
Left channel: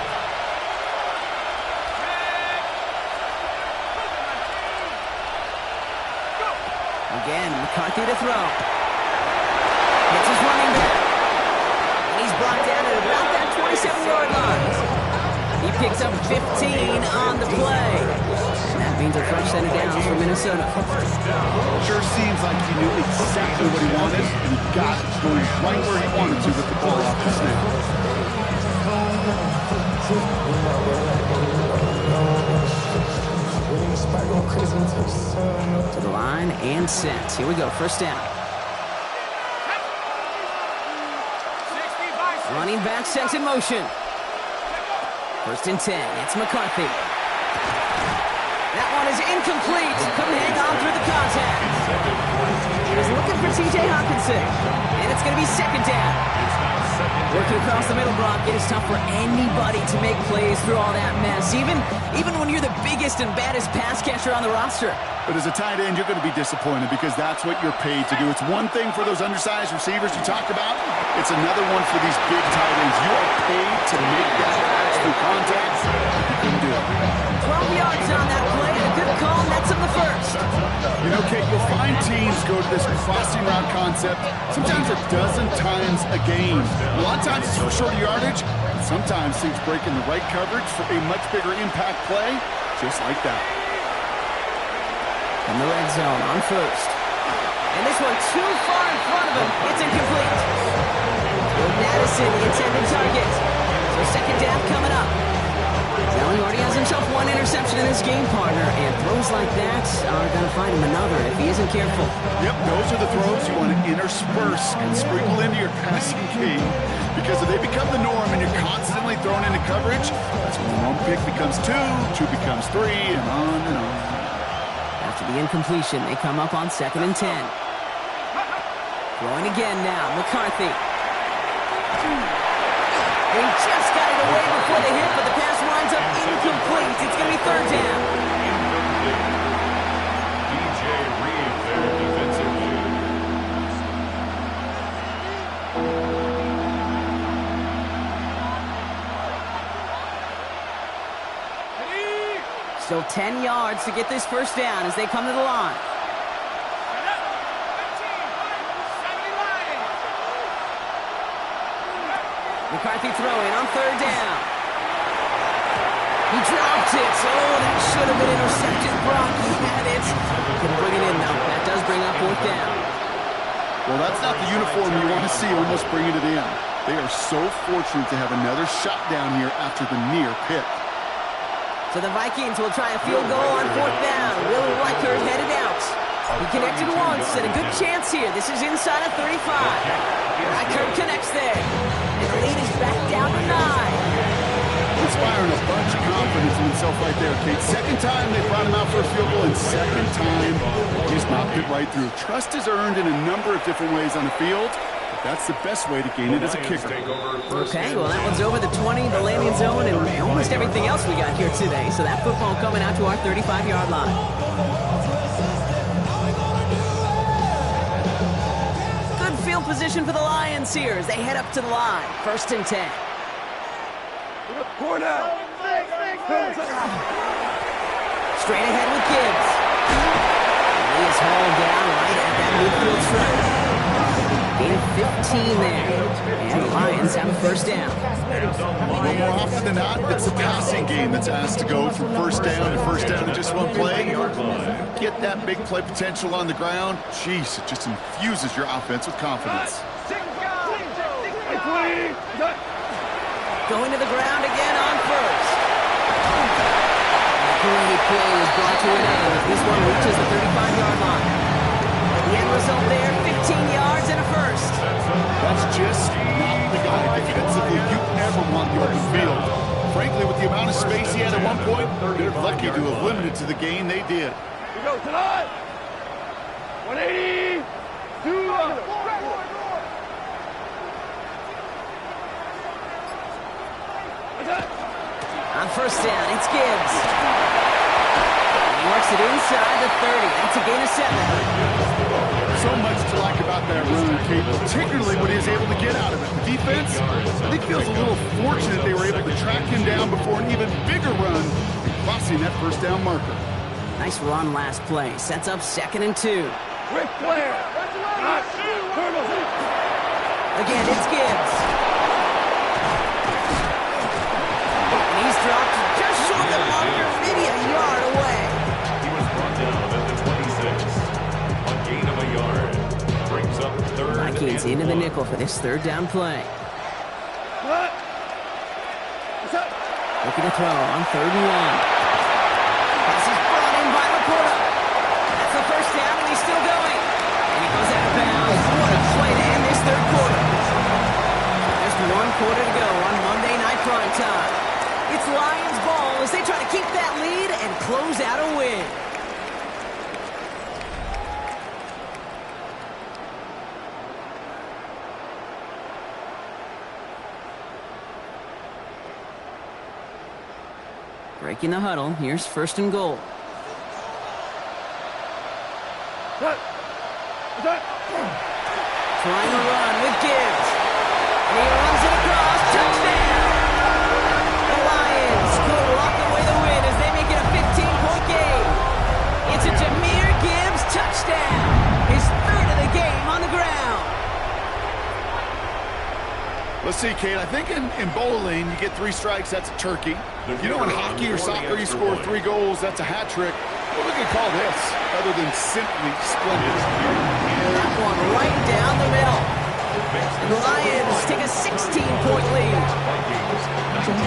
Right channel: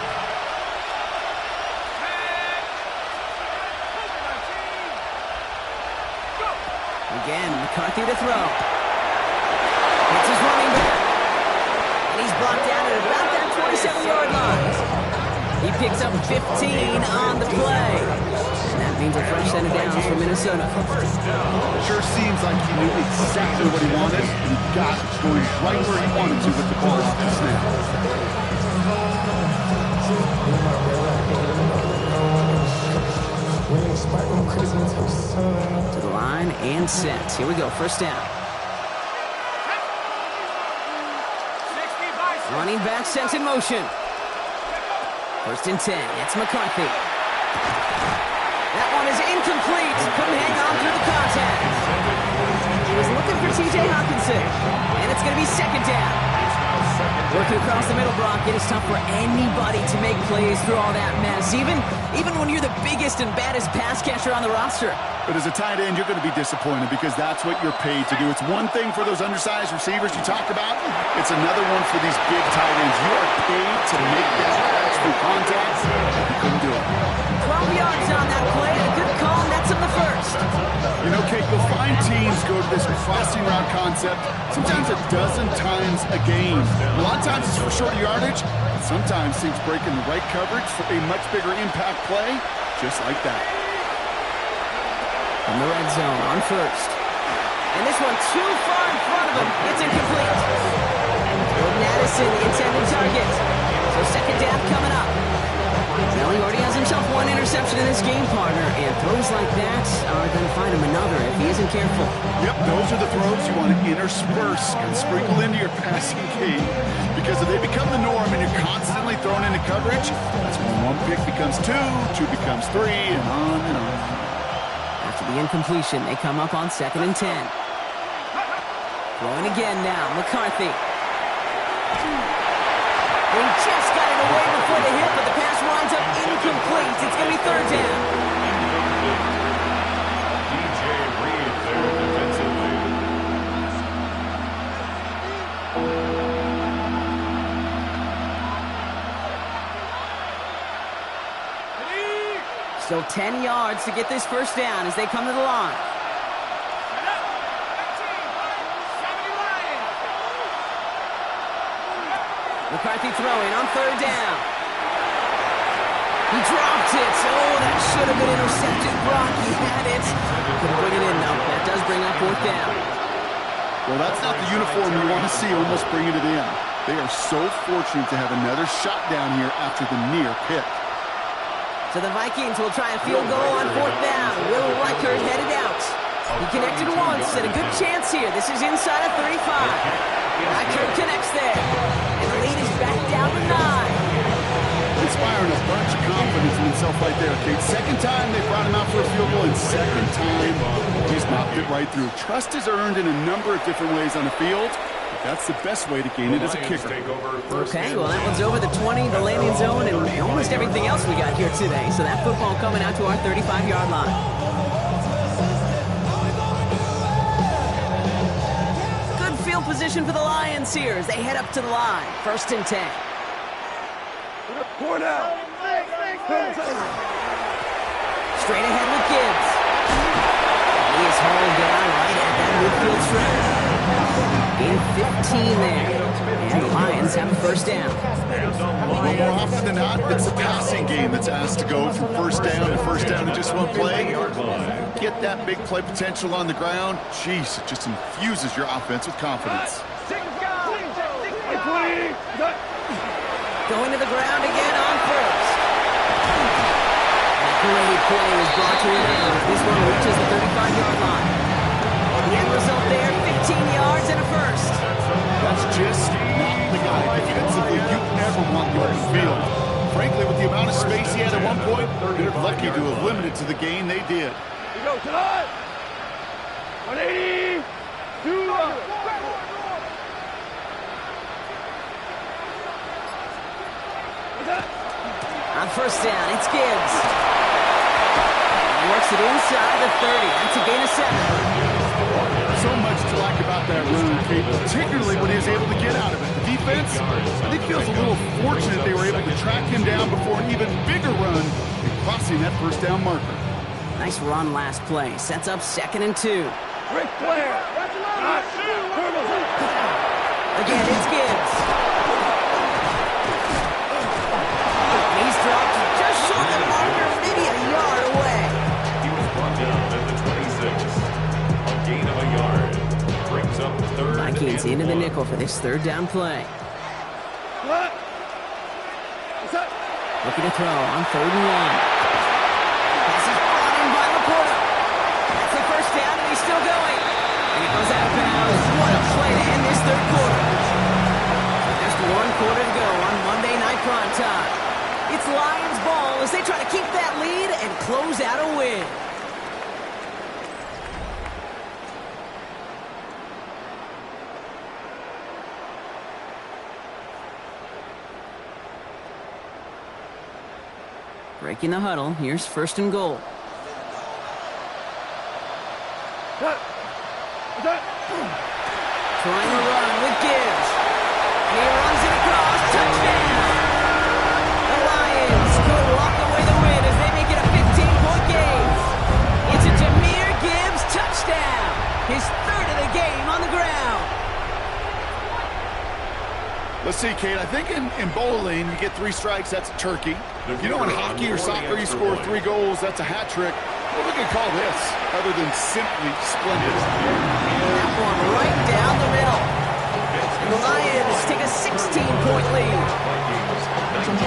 Again, McCarthy to throw. It's his running back. And he's brought down at about that 27-yard line. He picks up 15 on the play. And that means a fresh set of downs for Minnesota. Sure seems like he knew exactly what he wanted, and he got it going right where he wanted to with the ball off the snap. To the line and set. Here we go, 1st down. Running back sent in motion. 1st and 10. It's McCarthy. That one is incomplete. Couldn't hang on through the contact. He was looking for T.J. Hawkinson. And it's going to be 2nd down. Working across the middle, Brock, it is tough for anybody to make plays through all that mess, even when you're the biggest and baddest pass catcher on the roster. But as a tight end, you're going to be disappointed because that's what you're paid to do. It's one thing for those undersized receivers you talked about. It's another one for these big tight ends. You are paid to make that catch through contact. You couldn't do it. 12 yards on that play, and a good call nets him the 1st. You know, Kate, you'll find teams go to this crossing route concept sometimes a dozen times a game. A lot of times it's for shorter yardage. Sometimes things break in the right coverage for a much bigger impact play, just like that. In the red zone on 1st. And this one too far in front of him. It's incomplete. Jordan Addison, the intended target. So second down coming up. Well, he already has himself one interception in his game, partner, and throws like that are going to find him another if he isn't careful. Yep, those are the throws you want to intersperse and sprinkle into your passing game, because if they become the norm and you're constantly thrown into coverage, that's when one pick becomes two becomes three, and on and on. After the incompletion, they come up on 2nd and 10. Throwing again now, McCarthy. They just got it away before the hit, but the pass winds up incomplete. It's going to be 3rd down. Incomplete. DJ Reed there defensively. Still 10 yards to get this first down as they come to the line. McCarthy throwing on 3rd down. He dropped it. Oh, that should have been intercepted. Brock, he had it. Couldn't bring it in, though. That does bring up 4th down. Well, that's not the uniform you want to see almost bringing it in. They are so fortunate to have another shot down here after the near pick. So the Vikings will try a field goal on 4th down. Will Reichert headed out. He connected once and a good chance here. This is inside of 35. Reichert connects there. And the lead is back down to 9. Inspiring a bunch of confidence in himself right there, Kate. Second time they brought him out for a field goal, and second time he's knocked it right through. Trust is earned in a number of different ways on the field, but that's the best way to gain it as a kicker. Okay, well that one's over the 20, the landing zone, and almost everything else we got here today. So that football coming out to our 35-yard line. Good field position for the Lions here as they head up to the line. 1st and 10. Straight ahead with Gibbs. He is hauled down right at that midfield stripe. Gain of 15 there. And the Lions have a first down. Well, more often than not, it's the passing game that's asked to go from first down to first down in just one play. Get that big play potential on the ground. Jeez, it just infuses your offense with confidence. Going to the ground again on first. And a great play was brought to an end. This one reaches the 35-yard line. The end result there, 15 yards and a first. That's just not the guy defensively you ever want in the open field. Frankly, with the amount of space he had at one point, they're lucky to have limited to the gain they did. We go tonight. 180. On first down, it's Gibbs. He works it inside the 30. That's a gain of 7. So much to like about that run, Kate, particularly when he was able to get out of it. The defense, I think, feels a little fortunate they were able to track him down before an even bigger run and crossing that first down marker. Nice run last play. Sets up 2nd and 2. Rick Flair. Again, it's Gibbs. And he's dropped just short of the marker, maybe a yard away. He was brought down at the 26. A gain of a yard. Brings up 3rd. Vikings into the nickel for this 3rd down play. Looking to throw on 3rd and 1. Pass is brought in by Laporta. That's the first down, and he's still going. And he goes out of bounds. What a play to end this 3rd quarter. Just 1 quarter to go on Monday Night Primetime. It's Lions ball as they try to keep that lead and close out a win. Breaking the huddle, here's 1st and goal. Trying to run with Gibbs. And he runs it across. Touchdown! The Lions could lock away the win as they make it a 15-point game. It's a Jahmyr Gibbs touchdown. His 3rd of the game on the ground. Let's see, Kate. I think in bowling, you get 3 strikes, that's a turkey. You know, in hockey or soccer, you score 3 goals, that's a hat trick. What are we going to call this, other than simply splendid? That one right down the middle. And the Lions take a 16-point lead. Vikings 19.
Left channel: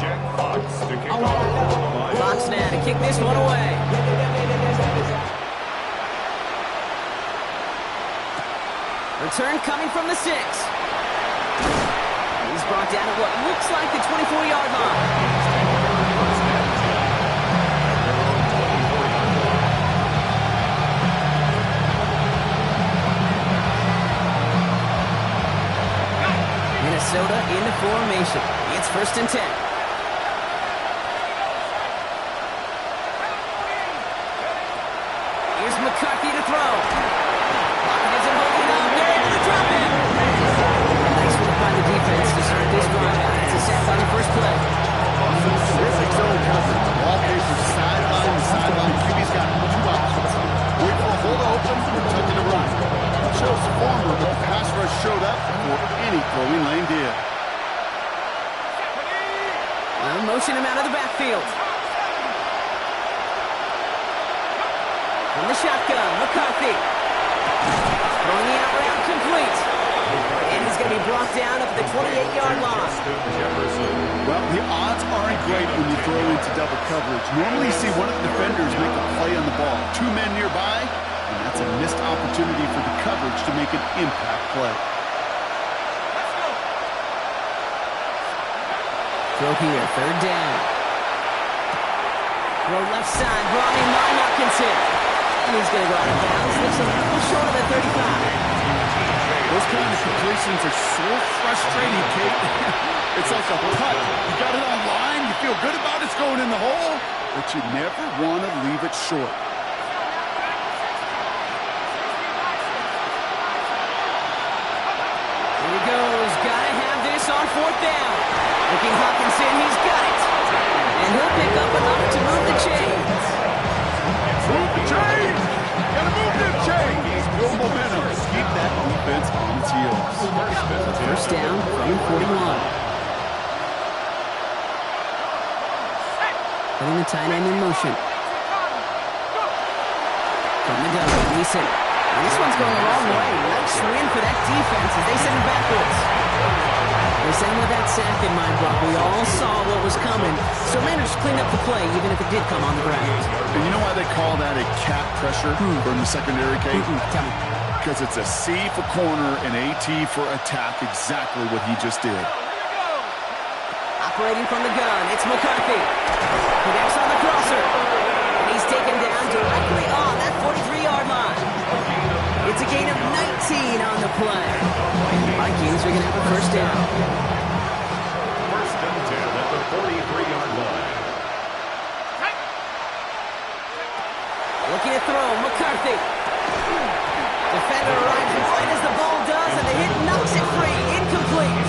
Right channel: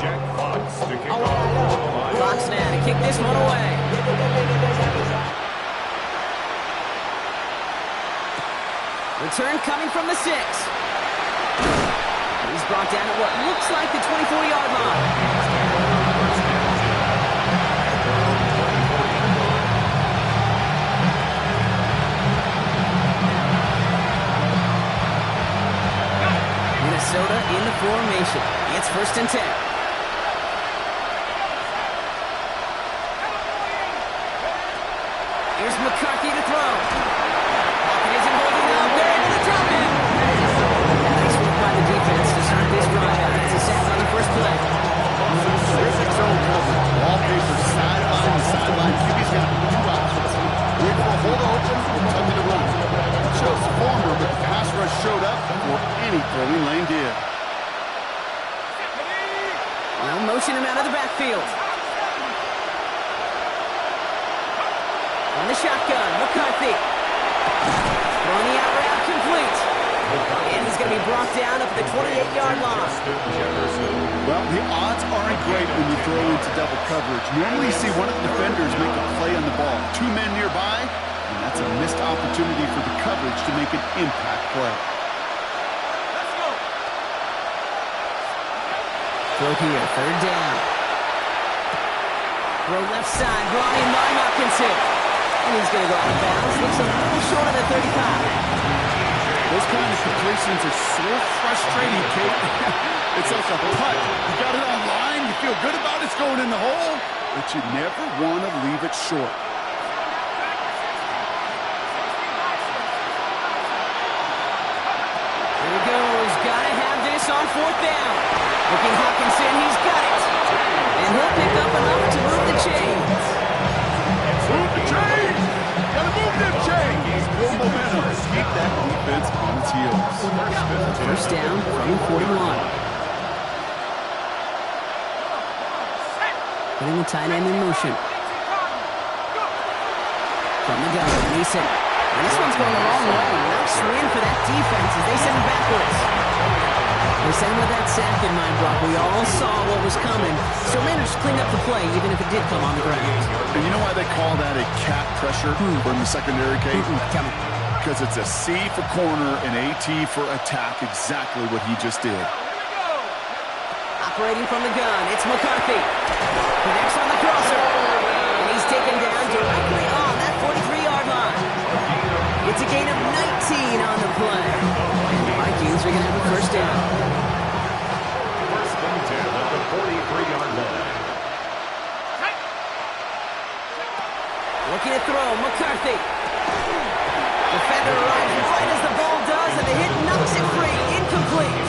Jack Fox to kick off for the Lions. Fox now to kick this one away. Return coming from the 6. He's brought down at what looks like the 24-yard line. Vikings take over first and 10 at their own 24-yard line. Minnesota in the formation. It's first and 10. Here's McCarthy to throw. Pocket isn't holding up. They're able to drop him. Nice work by the defense to start this drive out. It's a sack on the first play. Terrific zone coverage. Ball paper sideline to sideline. QB's got 2 options. Wait for a hole to open or tuck it to run. It shows former, but the pass rush showed up before any throwing lane did. Well, motion him out of the backfield. From the shotgun, McCarthy. Throwing the out route complete. And he's going to be brought down up at the 28-yard line. Well, the odds aren't great when you throw into double coverage. Normally you see one of the defenders make a play on the ball. 2 men nearby, and that's a missed opportunity for the coverage to make an impact play. Let's go. Throw here, third down. Throw left side, brought in by Hopkinson. And he's going to go out of bounds. Looks a little short of the 35. Those kind of completions are so frustrating, Kate. It's like a putt. You got it on line, you feel good about it's going in the hole, but you never want to leave it short. Here he goes. Got to have this on fourth down. Looking Hopkinson, he's got it. And he'll pick up enough to move the chains. Move the chains! Gotta move them chains! No momentum. Keep that defense on its heels. First down from 41. Putting the tight end in motion. From the gun, Mason. And this one's going the wrong way. Nice win for that defense as they send it backwards. They sent him with that sack in mind, Brock. We all saw what was coming, so managed to clean up the play, even if it did come on the ground. And you know why they call that a cat pressure from the secondary, Kate? Tell me. Because it's a C for corner and a T for attack, exactly what he just did. Operating from the gun, it's McCarthy. Connects on the crosser. And he's taken down directly on that 43-yard line. It's a gain of 19 on the play. And the Vikings are going to have a first down. First and 10 at the 43-yard line. Looking to throw, McCarthy. Defender arrives right as the ball does, and the hit knocks it free. Incomplete.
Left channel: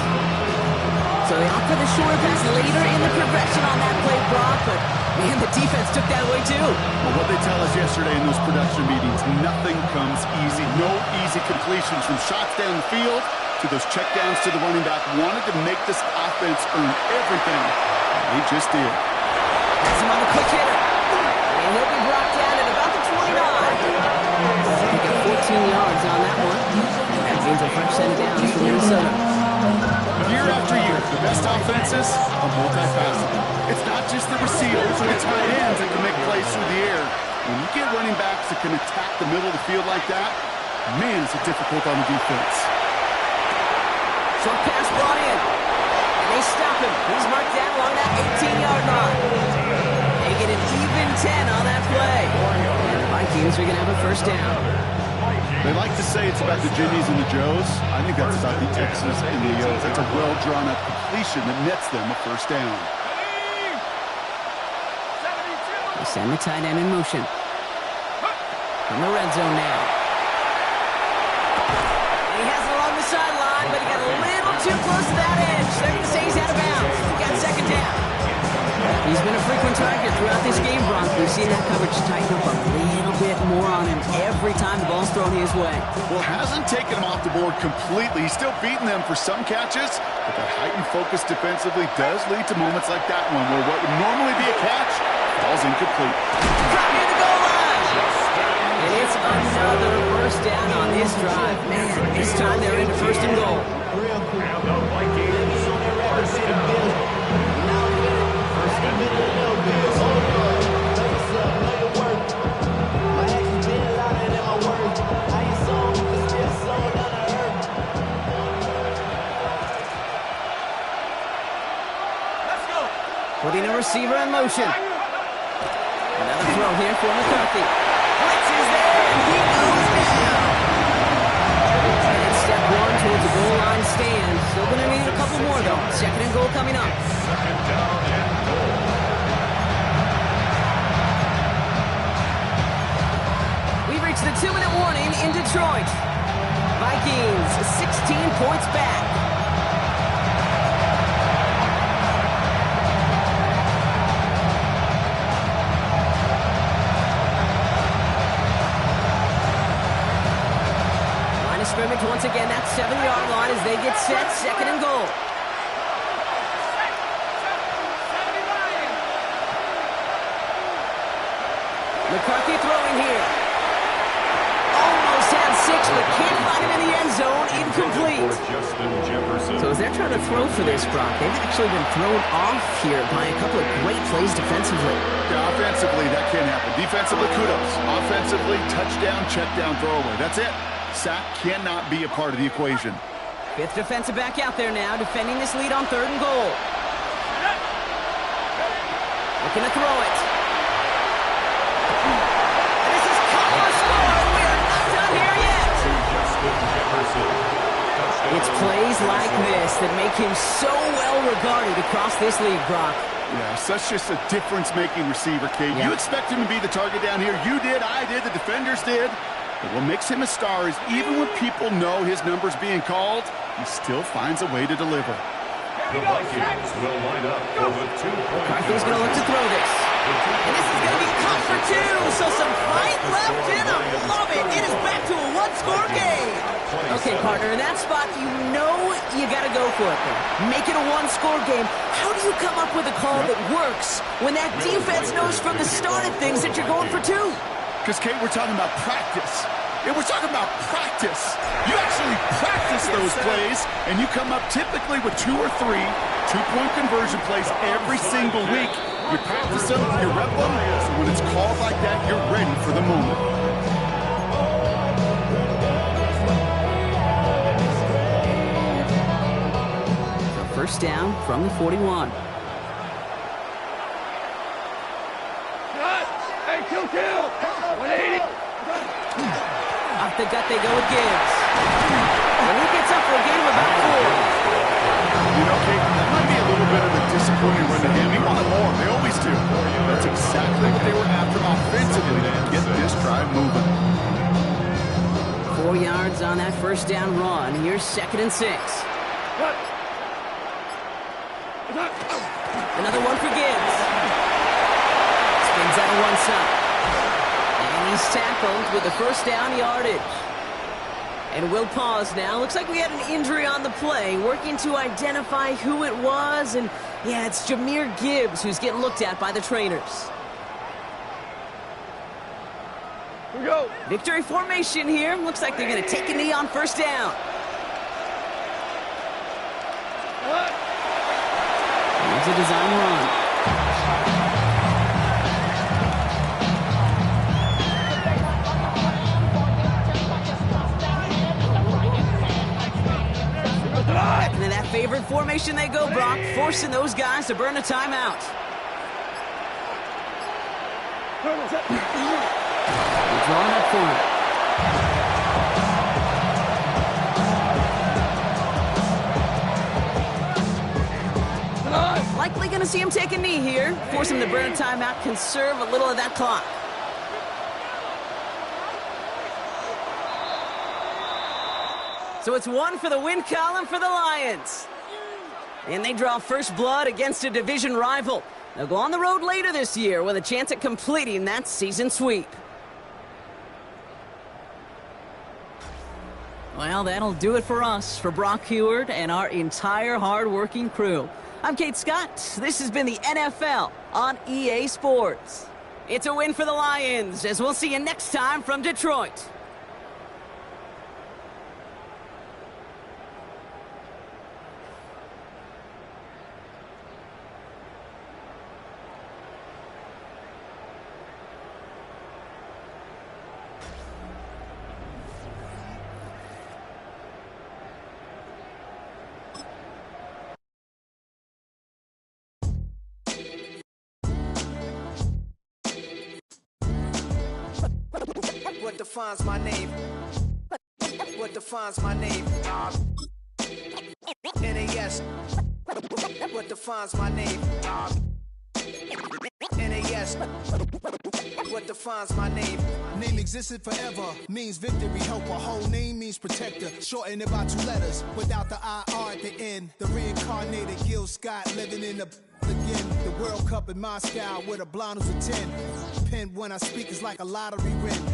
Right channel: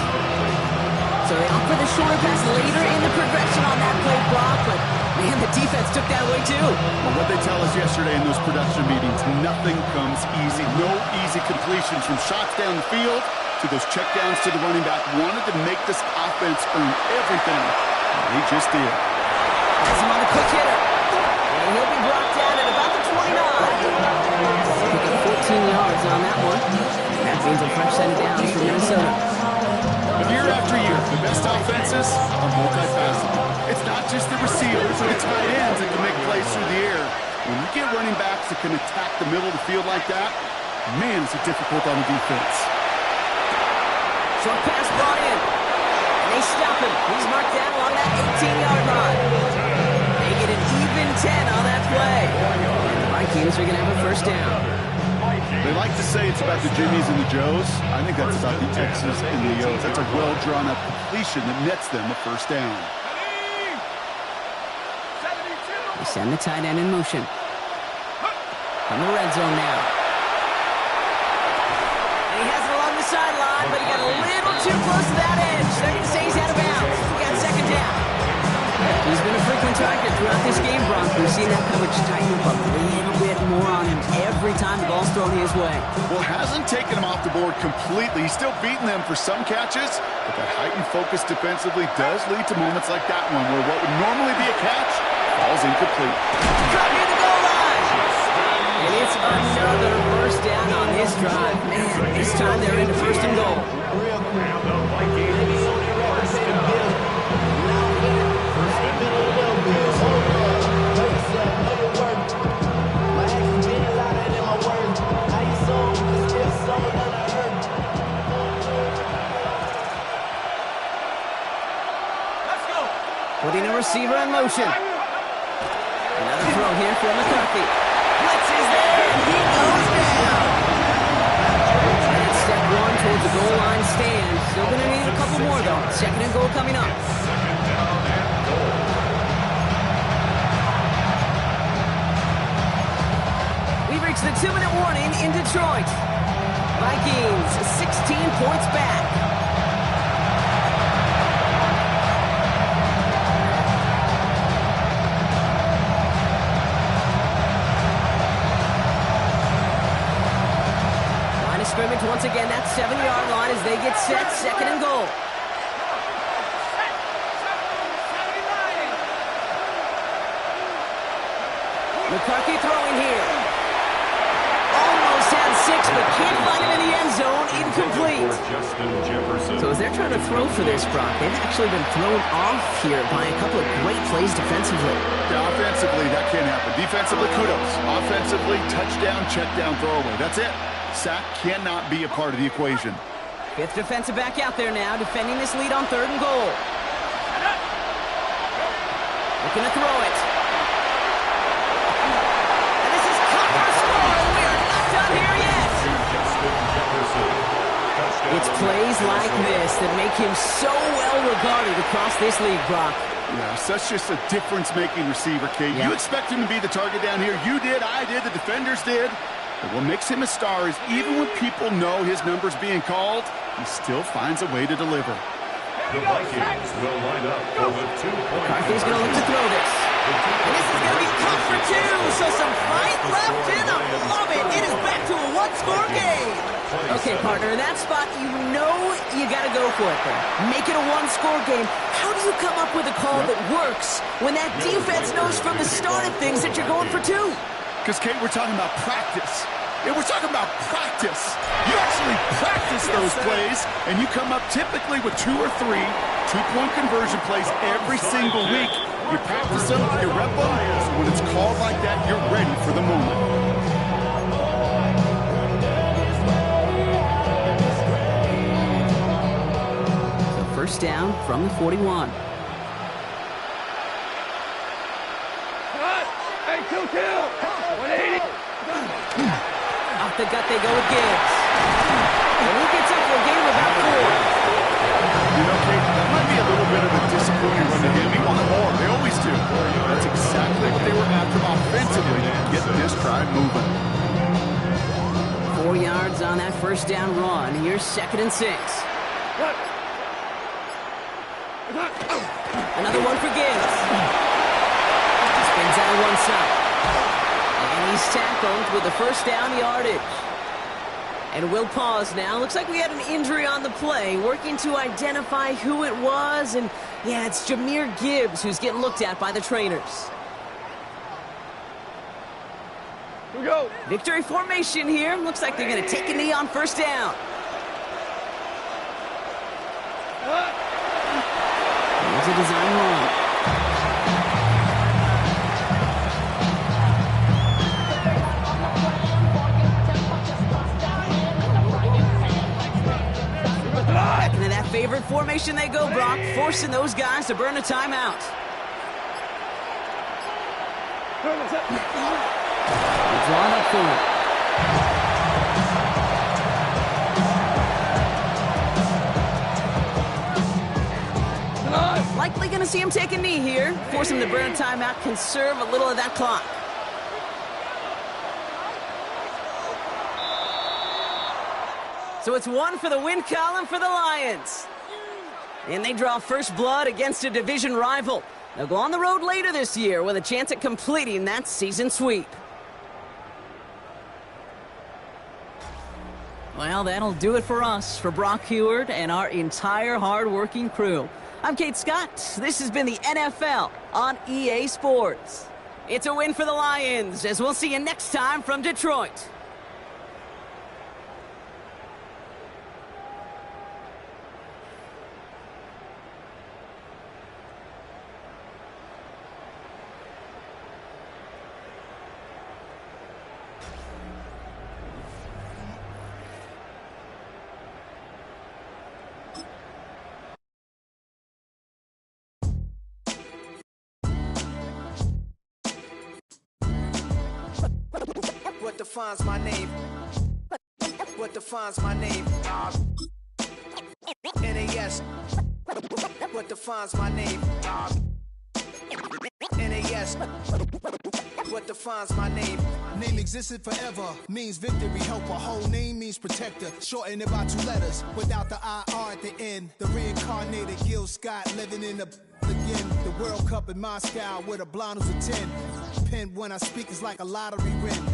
So they opt for the shorter pass later in the progression on that play, Brock, but man, the defense took that away too. Well, what they tell us yesterday in those production meetings, nothing comes easy. No easy completions from shots down the field to those checkdowns to the running back. Wanted to make this offense earn everything. And they just did. Has him on the quick hitter. And he'll be brought down at about the 29. Pick up 14 yards on that one. And that means a fresh set of downs for Minnesota. Year after year, the best offenses are multifaceted. It's not just the receivers or the tight ends that can make plays through the air. When you get running backs that can attack the middle of the field like that, man, is it difficult on the defense. Short pass brought in. And they stop him. He's marked down along that 18-yard line. They get an even 10 on that play. And the Vikings are going to have a first down. They like to say it's about the Jimmies and the Joes. I think that's about the X's and the O's. That's a well-drawn-up completion that nets them a first down. They send the tight end in motion. From the red zone now. And he has it along the sideline, but he got a little too close to that edge. They're going to say he's out of bounds. He got second down. He's been a frequent target throughout this game, Bronx. We've seen that coverage tighten up a little bit more on him every time the ball's thrown his way. Well, hasn't taken him off the board completely. He's still beating them for some catches, but that heightened focus defensively does lead to moments like that one where what would normally be a catch falls incomplete. Drop near the goal line. And it's another first down on this drive. Man, this time they're into first and goal. And the Vikings first down. First and goal. Putting a receiver in motion. Another throw here for McCarthy. Blitz is there, and he goes down. And it's step one towards the goal line stand. Still going to need a couple more, though. Second and goal coming up. Second down and goal. We've reached the 2-minute warning in Detroit. Vikings 16 points back. Scrimmage once again, that 7-yard line as they get set, second and goal. McCarthy throwing here. Almost had 6, but can't find him in the end zone. Incomplete. So as they're trying to throw for this, Brock, they've actually been thrown off here by a couple of great plays defensively. Yeah, offensively, that can't happen. Defensively, kudos. Offensively, touchdown, check down, throwaway. That's it. Sack cannot be a part of the equation. Fifth defensive back out there now, defending this lead on third and goal. Looking to throw it. And this is caught for a score, and we are not done here yet. It's plays like this that make him so well regarded across this league, Brock. Yeah, such just a difference-making receiver, Kate. Yeah. You expect him to be the target down here. You did, I did, the defenders did. But what makes him a star is even when people know his number's being called, he still finds a way to deliver. The Vikings will line up for the 2-point. McCarthy's going to look to throw this. And this is going to be caught for 2. So some fight left in him. Love it. It is back to a one-score game. Okay, partner, in that spot, you know you got to go for it there. Make it a one-score game. How do you come up with a call that works when that defense knows from the start of things that you're going for 2? Because, Kate, we're talking about practice. Yeah, we're talking about practice. You actually practice those plays, and you come up typically with 2 or 3 two-point conversion plays every single week. You practice them, you rep them, so when it's called like that, you're ready for the moment. So first down from the 41. Hey, kill! 180! Off the gut they go with Gibbs. And he gets up for a gain of about 4. You know, Kate, that might be a little bit of a disappointing run to him. He wanted more. They always do. That's exactly what they were after offensively to get this drive moving. 4 yards on that first down run. Here's second and 6. Another one for Gibbs. Spins out of one side. And he's tackled with the first down yardage. And we'll pause now. Looks like we had an injury on the play. Working to identify who it was. And, yeah, it's Jahmyr Gibbs who's getting looked at by the trainers. Here we go. Victory formation here. Looks like they're going to take a knee on first down. Here's a design run. Back into that favorite formation they go, Brock, forcing those guys to burn a timeout. They're drawing up for him. Likely going to see him take a knee here. Force him to burn a timeout, conserve a little of that clock. So it's 1 for the win column for the Lions. And they draw first blood against a division rival. They'll go on the road later this year with a chance at completing that season sweep. Well, that'll do it for us, for Brock Heward and our entire hard-working crew. I'm Kate Scott. This has been the NFL on EA Sports. It's a win for the Lions, as we'll see you next time from Detroit. What defines my name? What defines my name? NAS. What defines my name? NAS. What defines my name? Name existed forever, means victory, helper. Whole name means protector. Shorten it by 2 letters, without the IR at the end. The reincarnated Gil Scott living in the again. The World Cup in Moscow with a blonde who's a 10. Pen when I speak is like a lottery win.